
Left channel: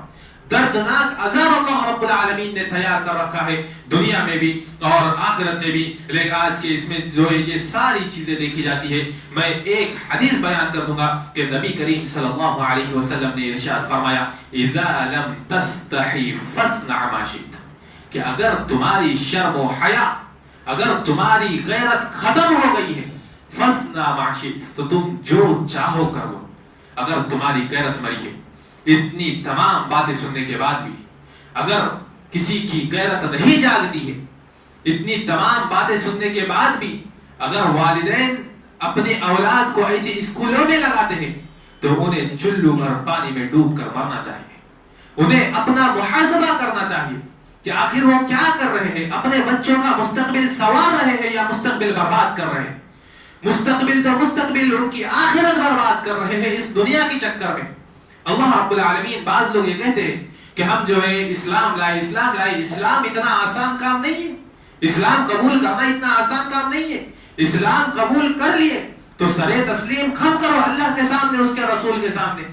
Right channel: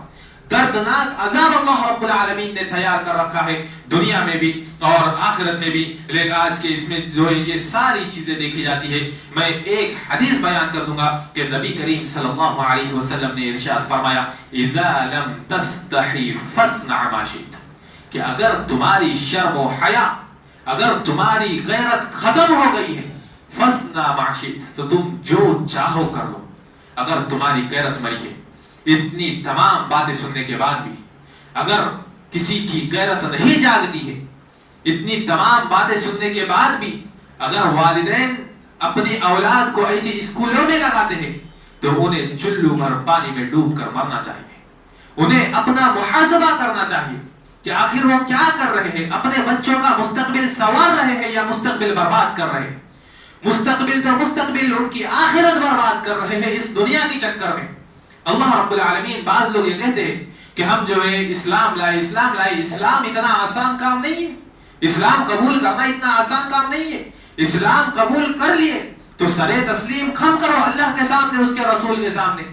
دردناک عذاب اللہ رب العالمین نے تیار کر رکھا ہے دنیا میں بھی اور آخرت میں بھی. لیکن آج کے اس میں جو ہے یہ ساری چیزیں دیکھی جاتی ہے. میں ایک حدیث بیان کر دوں گا کہ نبی کریم صلی اللہ علیہ وسلم نے ارشاد فرمایا اذا لم تستحی فاصنع ما شئت، کہ اگر تمہاری شرم و حیا، اگر تمہاری غیرت ختم ہو گئی ہے، فاصنع ما شئت، تو تم جو چاہو کر لو. اگر تمہاری غیرت مری ہے، اتنی تمام باتیں سننے کے بعد بھی اگر کسی کی غیرت نہیں جاگتی ہے، اتنی تمام باتیں سننے کے بعد بھی اگر والدین اپنی اولاد کو ایسی اسکولوں میں لگاتے ہیں، تو انہیں چلو بھر پانی میں ڈوب کر مرنا چاہیے. انہیں اپنا محاسبہ کرنا چاہیے کہ آخر وہ کیا کر رہے ہیں، اپنے بچوں کا مستقبل سنوار رہے ہیں یا مستقبل برباد کر رہے ہیں. مستقبل تو مستقبل، ان کی آخرت برباد کر رہے ہیں اس دنیا کے چکر میں. اللہ رب العالمین، بعض لوگ یہ کہتے ہیں کہ ہم جو ہے اسلام لائے. اسلام اتنا آسان کام نہیں ہے، اسلام قبول کرنا اتنا آسان کام نہیں ہے. اسلام قبول کر لیے تو سر تسلیم خم کرو اللہ کے سامنے، اس کے رسول کے سامنے.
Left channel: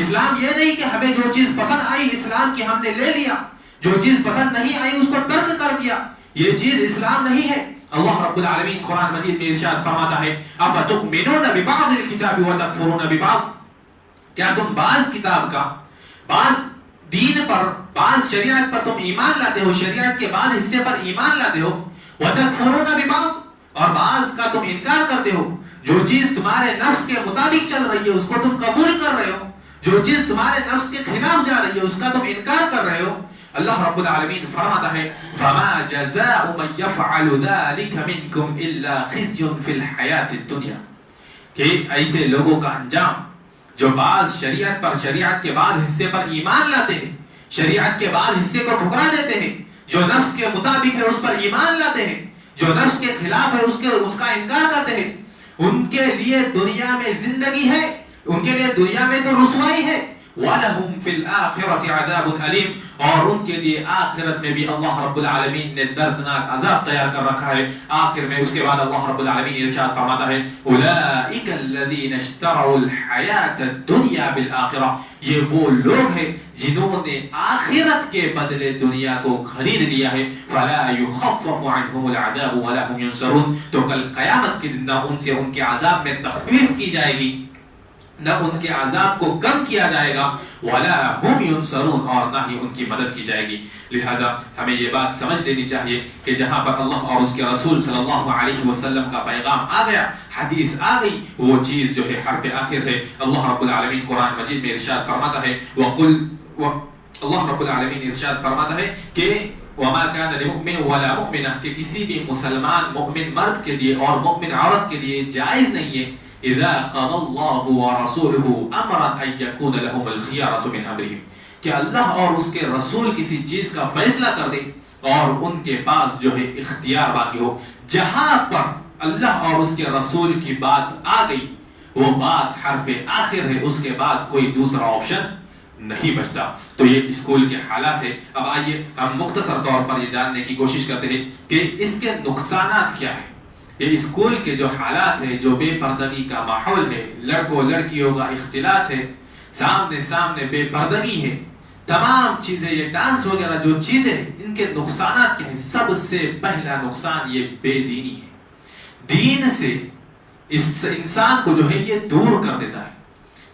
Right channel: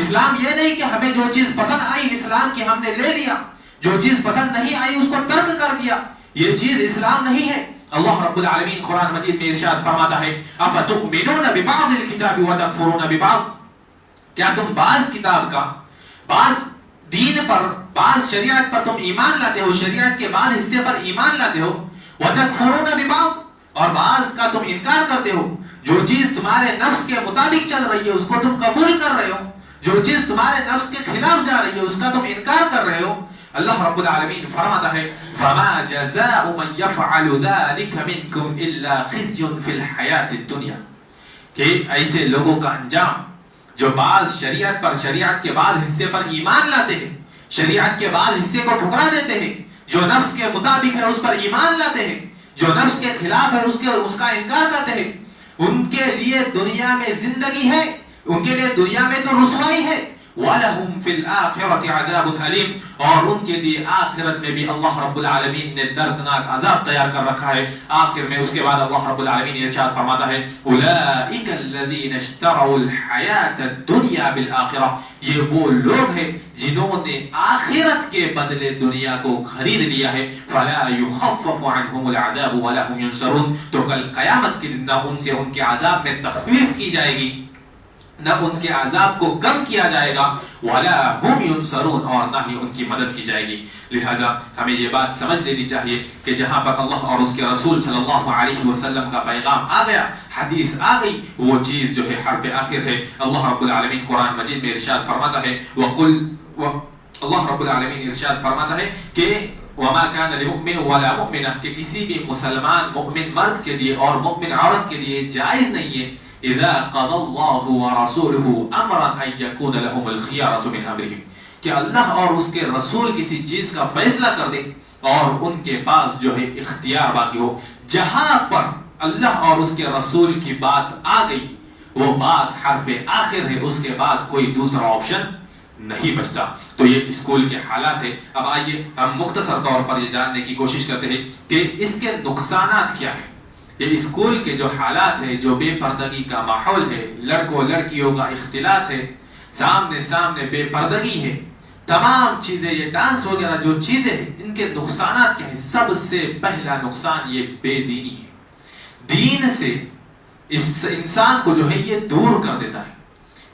اسلام یہ نہیں کہ ہمیں جو چیز پسند آئی اسلام کی ہم نے لے لیا، جو چیز پسند نہیں آئی اس کو ترک کر دیا، یہ چیز اسلام نہیں ہے. اللہ رب العالمین قرآن مجید میں ارشاد فرماتا ہے افتؤمنون ببعض الکتاب وتکفرون ببعض، کیا تم بعض کتاب کا، بعض دین پر، بعض شریعت پر تم ایمان لاتے ہو، شریعت کے بعض حصے پر ایمان لاتے ہو، وتکفرون ببعض، اور بعض کا تم انکار کرتے ہو. جو چیز تمہارے نفس کے مطابق چل رہی ہے اس کو تم قبول کر رہے ہو، جو چیز تمہارے نفس کے خلاف جا رہی ہے اس کا تم انکار کر رہے ہو. اللہ رب العالمین فرماتا ہے فما جزاء من يفعل ذلك منكم الا خزي في الحياة الدنيا، کہ ایسے لوگوں کا انجام جو بعض شریعت پر، شریعت کے بعض حصے پر ایمان لاتے ہیں، شریعت کے بعض حصے کو ٹھکرا دیتے ہیں، جو نفس کے مطابق ہے اس پر ایمان لاتے ہیں، جو نفس کے خلاف ہے اس کا انکار کرتے ہیں، ان کے لیے دنیا میں زندگی ہے، ان کے لیے دنیا میں تو رسوائی ہے. وَلَهُمْ فِي الْآخِرَةِ عَذَابٌ أَلِيمٌ، اور ان کے لیے آخرت میں بھی اللہ رب العالمین نے دردناک عذاب تیار کر رکھا ہے. آخر میں اس کے بعد اللہ رب العالمین ارشاد فرماتا ہے أُولَئِكَ الَّذِينَ اشْتَرَوُا الْحَيَاةَ الدُّنْيَا بِالْآخِرَةِ، یہ وہ لوگ ہیں جنہوں نے آخرت کے بدلے دنیا کو خرید لیا ہے. فَلَا يُخَفَّفُ عَنْهُمُ الْعَذَابُ وَلَا هُمْ يُنْصَرُونَ، تو کل قیامت کے دن نہ ان سے ان کے عذاب میں تخفیف کی جائے گی، نہ ان کے عذاب کو کم کیا جائے گا، وَلَا هُمْ يُنْصَرُونَ، اور نہ ہی ان کی مدد کی جائے گی. لہذا ہمیں یہ بات سمجھ لینی چاہیے کہ جہاں پر اللہ اور اس کے رسول صلی اللہ علیہ وسلم کا پیغام آ گیا، حدیث آ گئی، وہ چیز جو ہے حرف آخر ہے. اللہ رب العالمین قرآن مجید میں ارشاد فرماتا ہے اللہ رب العالمین ارشاد فرماتا ہے کہ وما كان لمؤمن ولا مؤمنہ، کہ کسی بھی مسلمان مؤمن مرد کے لیے اور مؤمن عورت کے لیے جائز نہیں ہے اذا قضى الله ورسوله امرا ان يكون لهم الخيارة من امرهم، کہ اللہ اور اس کے رسول کسی چیز کا فیصلہ کر دے اور ان کے پاس جو ہے اختیار باقی ہو. جہاں پر اللہ اور اس کے رسول کی بات آ گئی وہ بات حرف آخر ہے, اس کے بعد کوئی دوسرا آپشن نہیں بچتا. تو یہ اسکول کے حالات ہے. اب آئیے ہم مختصر طور پر یہ جاننے کی کوشش کرتے ہیں کہ اس کے نقصانات کیا ہیں. یہ اسکول کے جو حالات ہے, جو بے پردگی کا ماحول ہے, لڑکوں لڑکیوں کا اختلاط ہے, سامنے بے پردگی ہے, تمام چیزیں, یہ ڈانس وغیرہ جو چیزیں ہیں, ان کے نقصانات کیا ہیں؟ سب سے پہلا نقصان یہ بے دینی ہے. دین سے اس انسان کو جو ہے یہ دور کر دیتا ہے.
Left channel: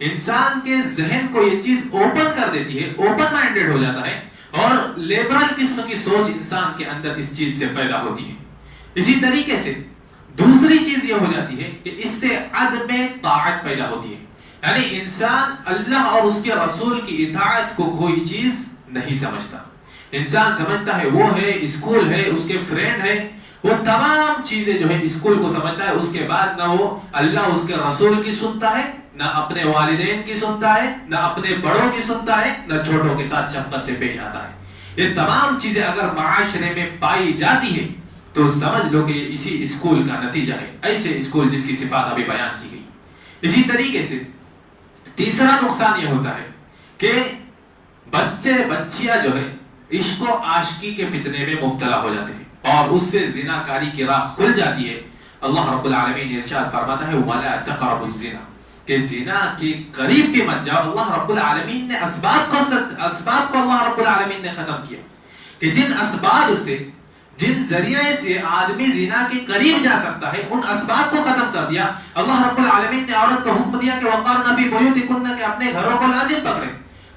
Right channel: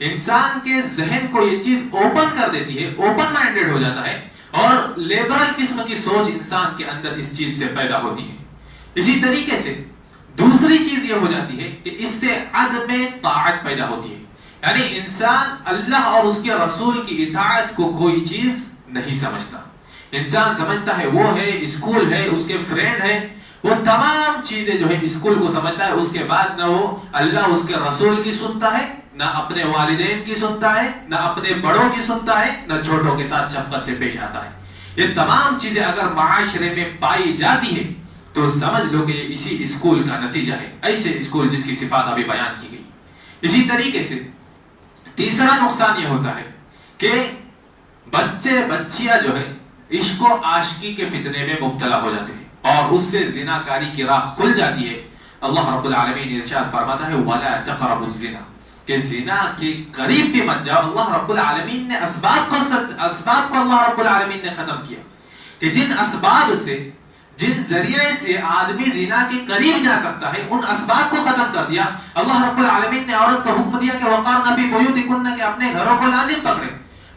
انسان کے ذہن کو یہ چیز اوپن کر دیتی ہے, اوپن مائنڈڈ ہو جاتا ہے, اور لیبرل قسم کی سوچ انسان کے اندر اس چیز سے پیدا ہوتی ہے. اسی طریقے سے دوسری چیز یہ ہو جاتی ہے کہ اس سے عدم طاعت پیدا ہوتی ہے. یعنی انسان اللہ اور اس کے رسول کی اطاعت کو کوئی چیز نہیں سمجھتا. انسان سمجھتا ہے وہ ہے, اسکول ہے, اس کے فرینڈ ہے, وہ تمام چیزیں جو ہے اسکول کو سمجھتا ہے. اس کے بعد نہ وہ اللہ اس کے رسول کی سنتا ہے, نہ اپنے والدین کی سنتا ہے, نہ اپنے بڑوں کی سنتا ہے, نہ چھوٹوں کے ساتھ شفقت سے پیش آتا ہے. یہ تمام چیزیں اگر معاشرے میں پائی جاتی ہے تو سمجھ لو کہ یہ اسی اسکول کا نتیجہ ہے. ایسے اسکول جس کی صفات ابھی بیان کی گئی. اسی طریقے سے تیسرا نقصان یہ ہوتا ہے کہ بچے بچیاں جو ہے عشق و عاشقی کے فتنے میں مبتلا ہو جاتے ہیں اور اس سے زناکاری کی راہ کھل جاتی ہے. اللہ رب العالمین ارشاد فرماتا ہے وَلَا تَقْرَبُوا الزِّنَا, کہ زنا کے قریب بھی مت جاؤ. اللہ رب العالمین نے اسباب کو اللہ رب العالمین نے ختم کیا کہ جن اسباب سے, جن ذریعے سے آدمی زنا کے قریب جا سکتا ہے, ان اسباب کو ختم کر دیا. اللہ رب العالمین نے عورت کو حکم دیا کہ وَقَرْنَ فِي بُيُوتِكُنَّ, کہ اپنے گھروں کو لازم پکڑے.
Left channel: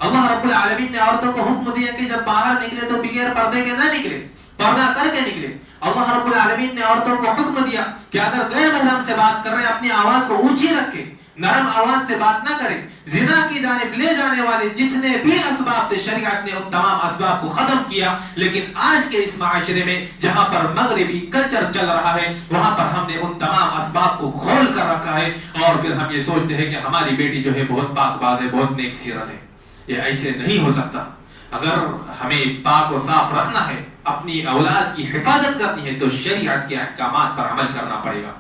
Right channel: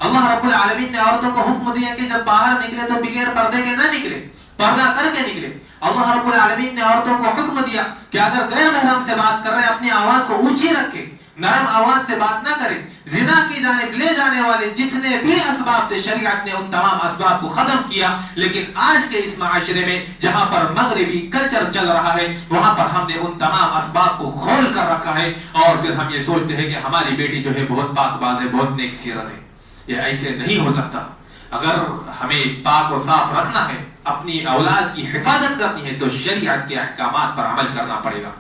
اللہ رب العالمین نے عورتوں کو حکم دیا کہ جب باہر نکلے تو بغیر پردے کے نہ نکلے, پردہ کر کے نکلے. اللہ رب العالمین نے عورتوں کو حکم دیا کہ اگر غیر محرم سے بات کر رہے ہیں اپنی آواز کو اونچی رکھ کے نرم آواز سے بات نہ کریں. زنا کی جانب لے جانے والے جتنے بھی اسباب تھے شریعت نے ان تمام اسباب کو ختم کیا. لیکن آج کے اس معاشرے میں جہاں پر مغربی کلچر چل رہا ہے وہاں پر ہم نے ان تمام اسباب کو کھول کر رکھا ہے, اور پھر ہم یہ سوچتے ہیں کہ ہماری بیٹی جو ہے بہت پاک باز ہے, بہت نیک سیرت ہے. یہ ایسے نہیں ہو سکتا. اگر ہمیں پاک و صاف رکھنا ہے, اپنی اولاد کی حفاظت کرنی ہے, تو شریعت کے احکامات پر عمل کرنا پڑے گا.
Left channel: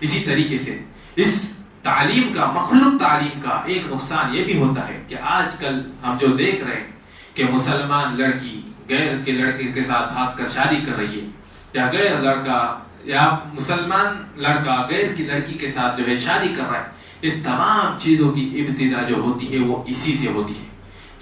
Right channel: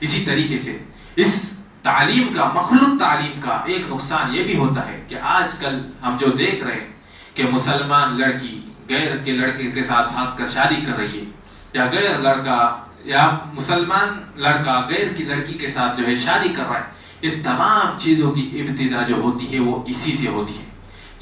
اسی طریقے سے اس تعلیم کا, مخلوط تعلیم کا ایک نقصان یہ بھی ہوتا ہے کہ آج کل ہم جو دیکھ رہے ہیں کہ مسلمان لڑکی غیر کے لڑکے کے ساتھ بھاگ کر شادی کر رہی ہے, یا غیر لڑکا یا مسلمان لڑکا غیر کی لڑکی کے ساتھ جو ہے شادی کر رہا ہے. یہ تمام چیزوں کی ابتدا جو ہوتی ہے وہ اسی سے ہوتی ہے.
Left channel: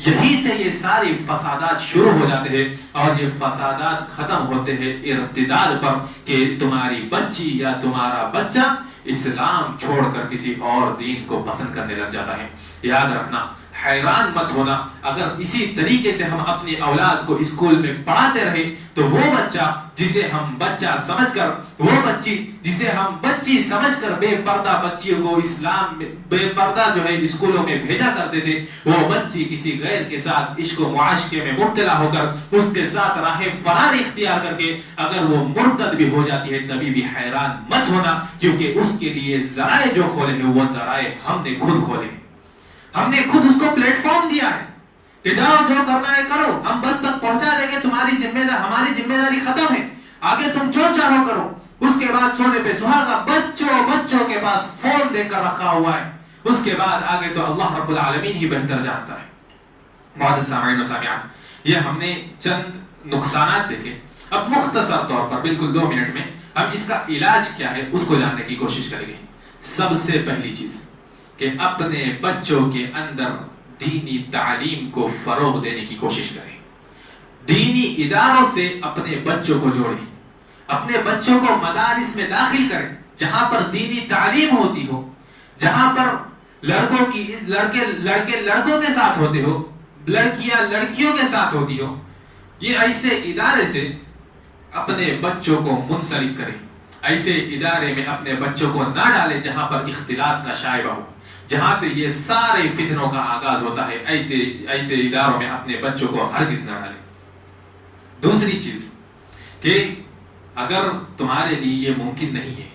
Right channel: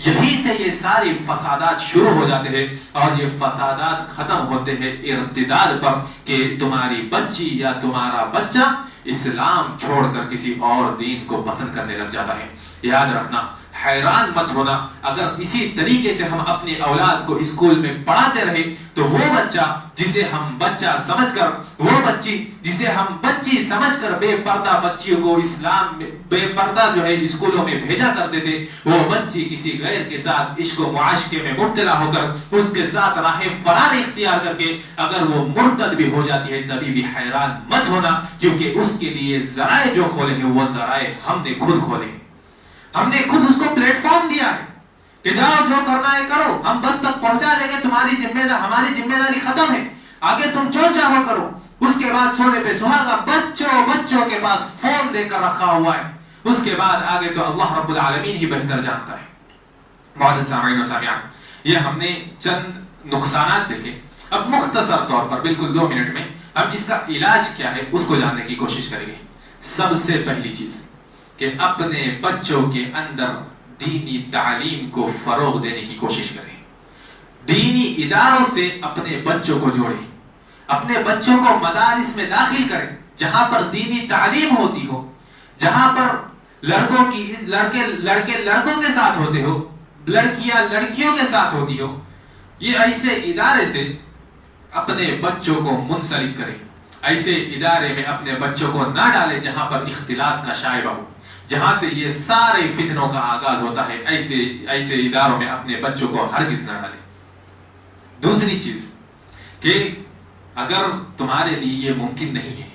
یہی سے یہ سارے فسادات شروع ہو جاتے ہیں, اور یہ فسادات ختم ہوتے ہیں ارتداد پر کہ تمہاری بچی یا تمہارا بچہ اسلام چھوڑ کر کسی اور دین کو پسند کرنے لگ جاتا ہے. یاد رکھنا, حیران مت ہونا, اگر اسی طریقے سے ہم اپنی اولاد کو اسکول میں پڑھاتے رہے تو وہ بچہ جسے ہم بچہ سمجھ کر, وہ بچی جسے ہم بچی سمجھ کر بے پردہ بچیوں کو اسلام میں بے پردہ جو ہے اسکولوں میں بھیجا کرتے تھے, وہ بچی کسی غیر کے ساتھ عشق و معاشقے میں مبتلا ہو کر اس کے ساتھ راہ فرار اختیار کر کے اگر وہ مرتد بھی ہو جاتی ہے تبھی بھی حیران مت ہونا, کیونکہ اس کے لیے ذرائع جو کھولے ہیں وہ ذرائع ہم نے خود کھولے ہیں. ہم نے خود اس کو پلیٹ فارم دیا ہے کہ جاؤ جو کرنا ہے کرو, ہم بس تک پہنچا دیں گے, تمہاری ہماری ذمہ داری ختم ہے, آگے تم جو چاہو کرو. اس کے بعد سونے پہ سہاگا بچوں کے پاس فون دے کر رکھا ہوا ہے. اس کے بعد آگے تو اللہ رب العالمین ہی بہتر جانتا ہے. معزز سامعین و سامعات, یہ ہم نے چند نقصانات دیکھے. اب مختصر طور پر بالکل 2 منٹ میں ہم اس کا علاج کیا ہے اس کو جاننے کی کوشش کریں گے. سب سے پہلی چیز کہ اپنے بچوں کے اندر دینی تعلیم کو فروغ دینے کی کوشش کریں. دینی اداروں سے اپنے بچوں کو جوڑیں, اپنے بچوں کو مدارس میں داخل کریں جہاں پر دینی تعلیم ہوتی ہو, جہاں پر لڑکے لڑکوں کے ساتھ ہوتے ہو, لڑکیاں لڑکیوں کے ساتھ ہوتی ہو. یہ ایسے ادارے سے اپنے بچوں کو منسلک کریں. ایسے ادارے میں اپنے بچوں کو نہ ڈالیں جہاں پر اختلاط کا شائبہ ہو, جہاں سے یہ سارے فتنوں کا آغاز ہوتا ہے. ایسے اداروں میں اپنے بچوں کو ہرگز نہ ڈالیں. دوسری چیز کہ اگر تمہارے لیے یہ ممکن نہیں ہے,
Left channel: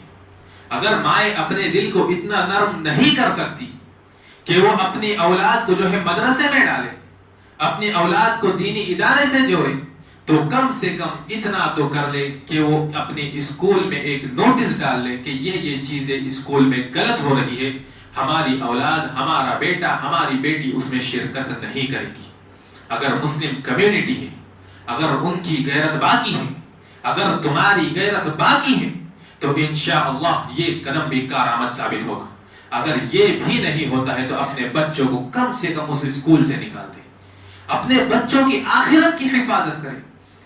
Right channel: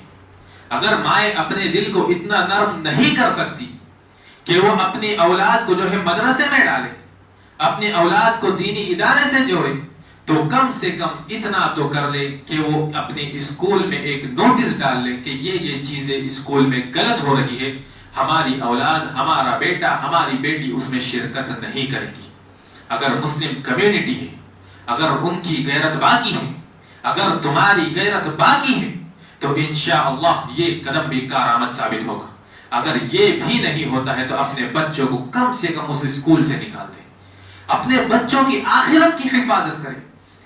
اگر مائیں اپنے دل کو اتنا نرم نہیں کر سکتی کہ وہ اپنی اولاد کو جو ہے مدرسے میں ڈالے, اپنی اولاد کو دینی ادارے سے جوڑے تو کم سے کم اتنا تو کر لے کہ وہ اپنے اسکول میں ایک نوٹس ڈال لے کہ یہ چیزیں اسکول میں غلط ہو رہی ہے، ہماری اولاد، ہمارا بیٹا، ہماری بیٹی اس میں شرکت نہیں کرے گی۔ اگر مسلم کمیونٹی ہے، اگر ان کی غیرت باقی ہے، اگر تمہاری غیرت باقی ہے تو انشاءاللہ یہ قدم بھی کارآمد ثابت ہوگا۔ اگر یہ بھی نہیں ہوتا ہے تو اپنے بچوں کو کم سے کم اس اسکول سے نکال دیں، اپنے بچوں کی آخرت کی حفاظت کریں۔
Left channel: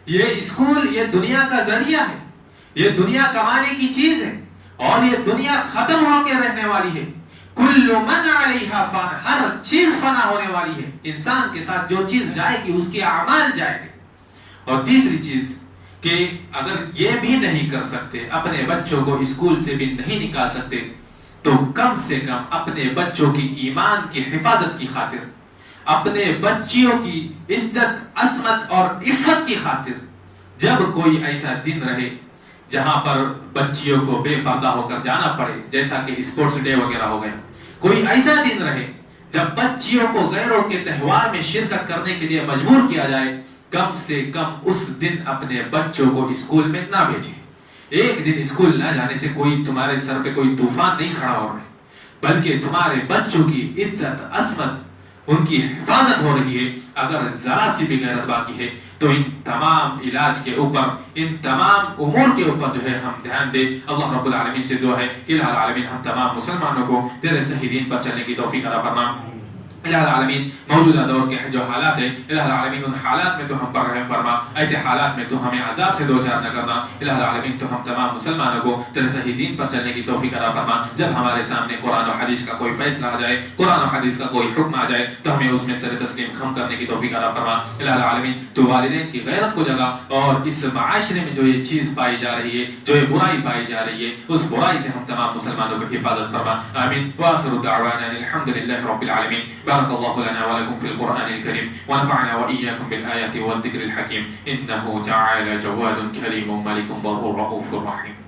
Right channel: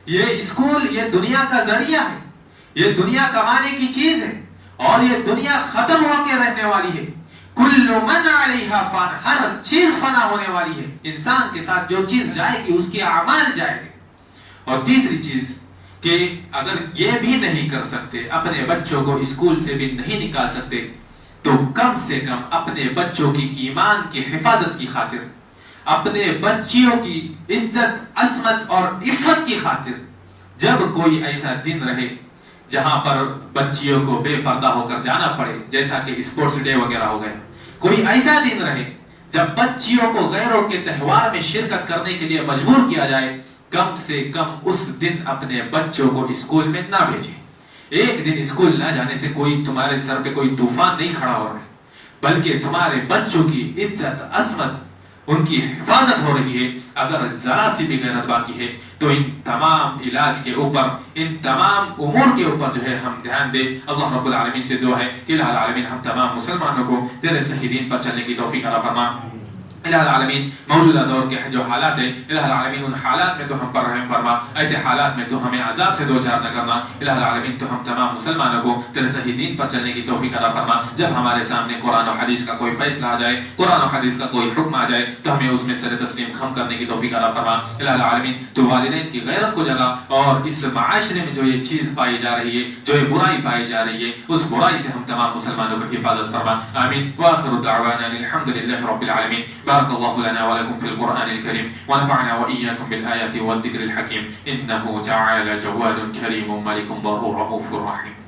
یہ اسکول یہ دنیا کا ذریعہ ہے، یہ دنیا کمانے کی چیز ہے، اور یہ دنیا ختم ہو کے رہنے والی ہے۔ کل من علیہا فان، ہر چیز فنا ہونے والی ہے، انسان کے ساتھ جو چیز جائے گی اس کے اعمال جائے گے۔ اور تیسری چیز کہ اگر یہ بھی نہیں کر سکتے، اپنے بچوں کو اسکول سے بھی نہیں نکال سکتے، تو کم سے کم اپنے بچوں کی ایمان کی حفاظت کی خاطر، اپنے بچیوں کی عزت، عصمت اور عفت کی خاطر، جب کوئی ایسا دن رہے جہاں پر بچیوں کو بے پردہ ہو کر جانا پڑے، جیسا کہ اسپورٹس ڈے وغیرہ ہو گیا، کوئی ایسا دن رہے جب بچیوں کو غیروں کے تہوار میں شرکت کرنے کے لیے مجبور کیا جائے، کم سے کم اس دن اپنے بچوں کو اسکول میں نہ بھیجیں۔ ایک دن اسکول نہ جانے سے کوئی تمہارے سر پہ کوئی طوفان نہیں کھڑا ہو رہا ہے، بلکہ تمہارے بچوں کی عزت، عصمت، ان کی حفاظت ہو رہی ہے۔ اگر ذرا سی بھی غیرت باقی ہے تو ان تمام علاج کے اوپر، ان تمام امور کے اوپر جو ہے ہم دھیان دیں۔ اللہ رب العالمین سے دعا ہے کہ الہ العالمین ہم تمام مسلمانوں کو تیرے صحیح دین پر چلنے کی توفیق عطا فرما۔ الہ العالمین موجودہ دور کے جو حالات ہیں، الہ العالمین ان حالات میں تو ہم پر رحم فرما، ایسے حالات میں تو ہمیں عذاب سے دوچار نہ کرنا۔ الہ العالمین تو ہم تمام مسلمانوں کو تیرے صحیح دین پر چلنے کی توفیق عطا فرما۔ جب ہمارے سامنے قرآن و حدیث کا کوئی فیصلہ آ جائے، قرآن و حدیث کا کوئی حکم آ جائے تو ہمیں اس میں سر تسلیم خم کرنے کی توفیق عطا فرما۔ الہ العالمین تو والدین کی غیرت کو جگا، اور اس معاشرے میں جو یہ چیز پائی جا رہی ہے، جو یہ برائی پائی جا رہی ہے، اس برائی سے ہم تمام مسلمانوں کی حفاظت فرما۔ آمین۔ وآخر دعوانا الحمد لله رب العالمين۔ بارك الله لنا ولكم في القرآن الكريم، ونفعنا وإياكم بالآيات والذكر الحكيم، إنه تعالى جواد كريم ملك بر رؤوف رحيم۔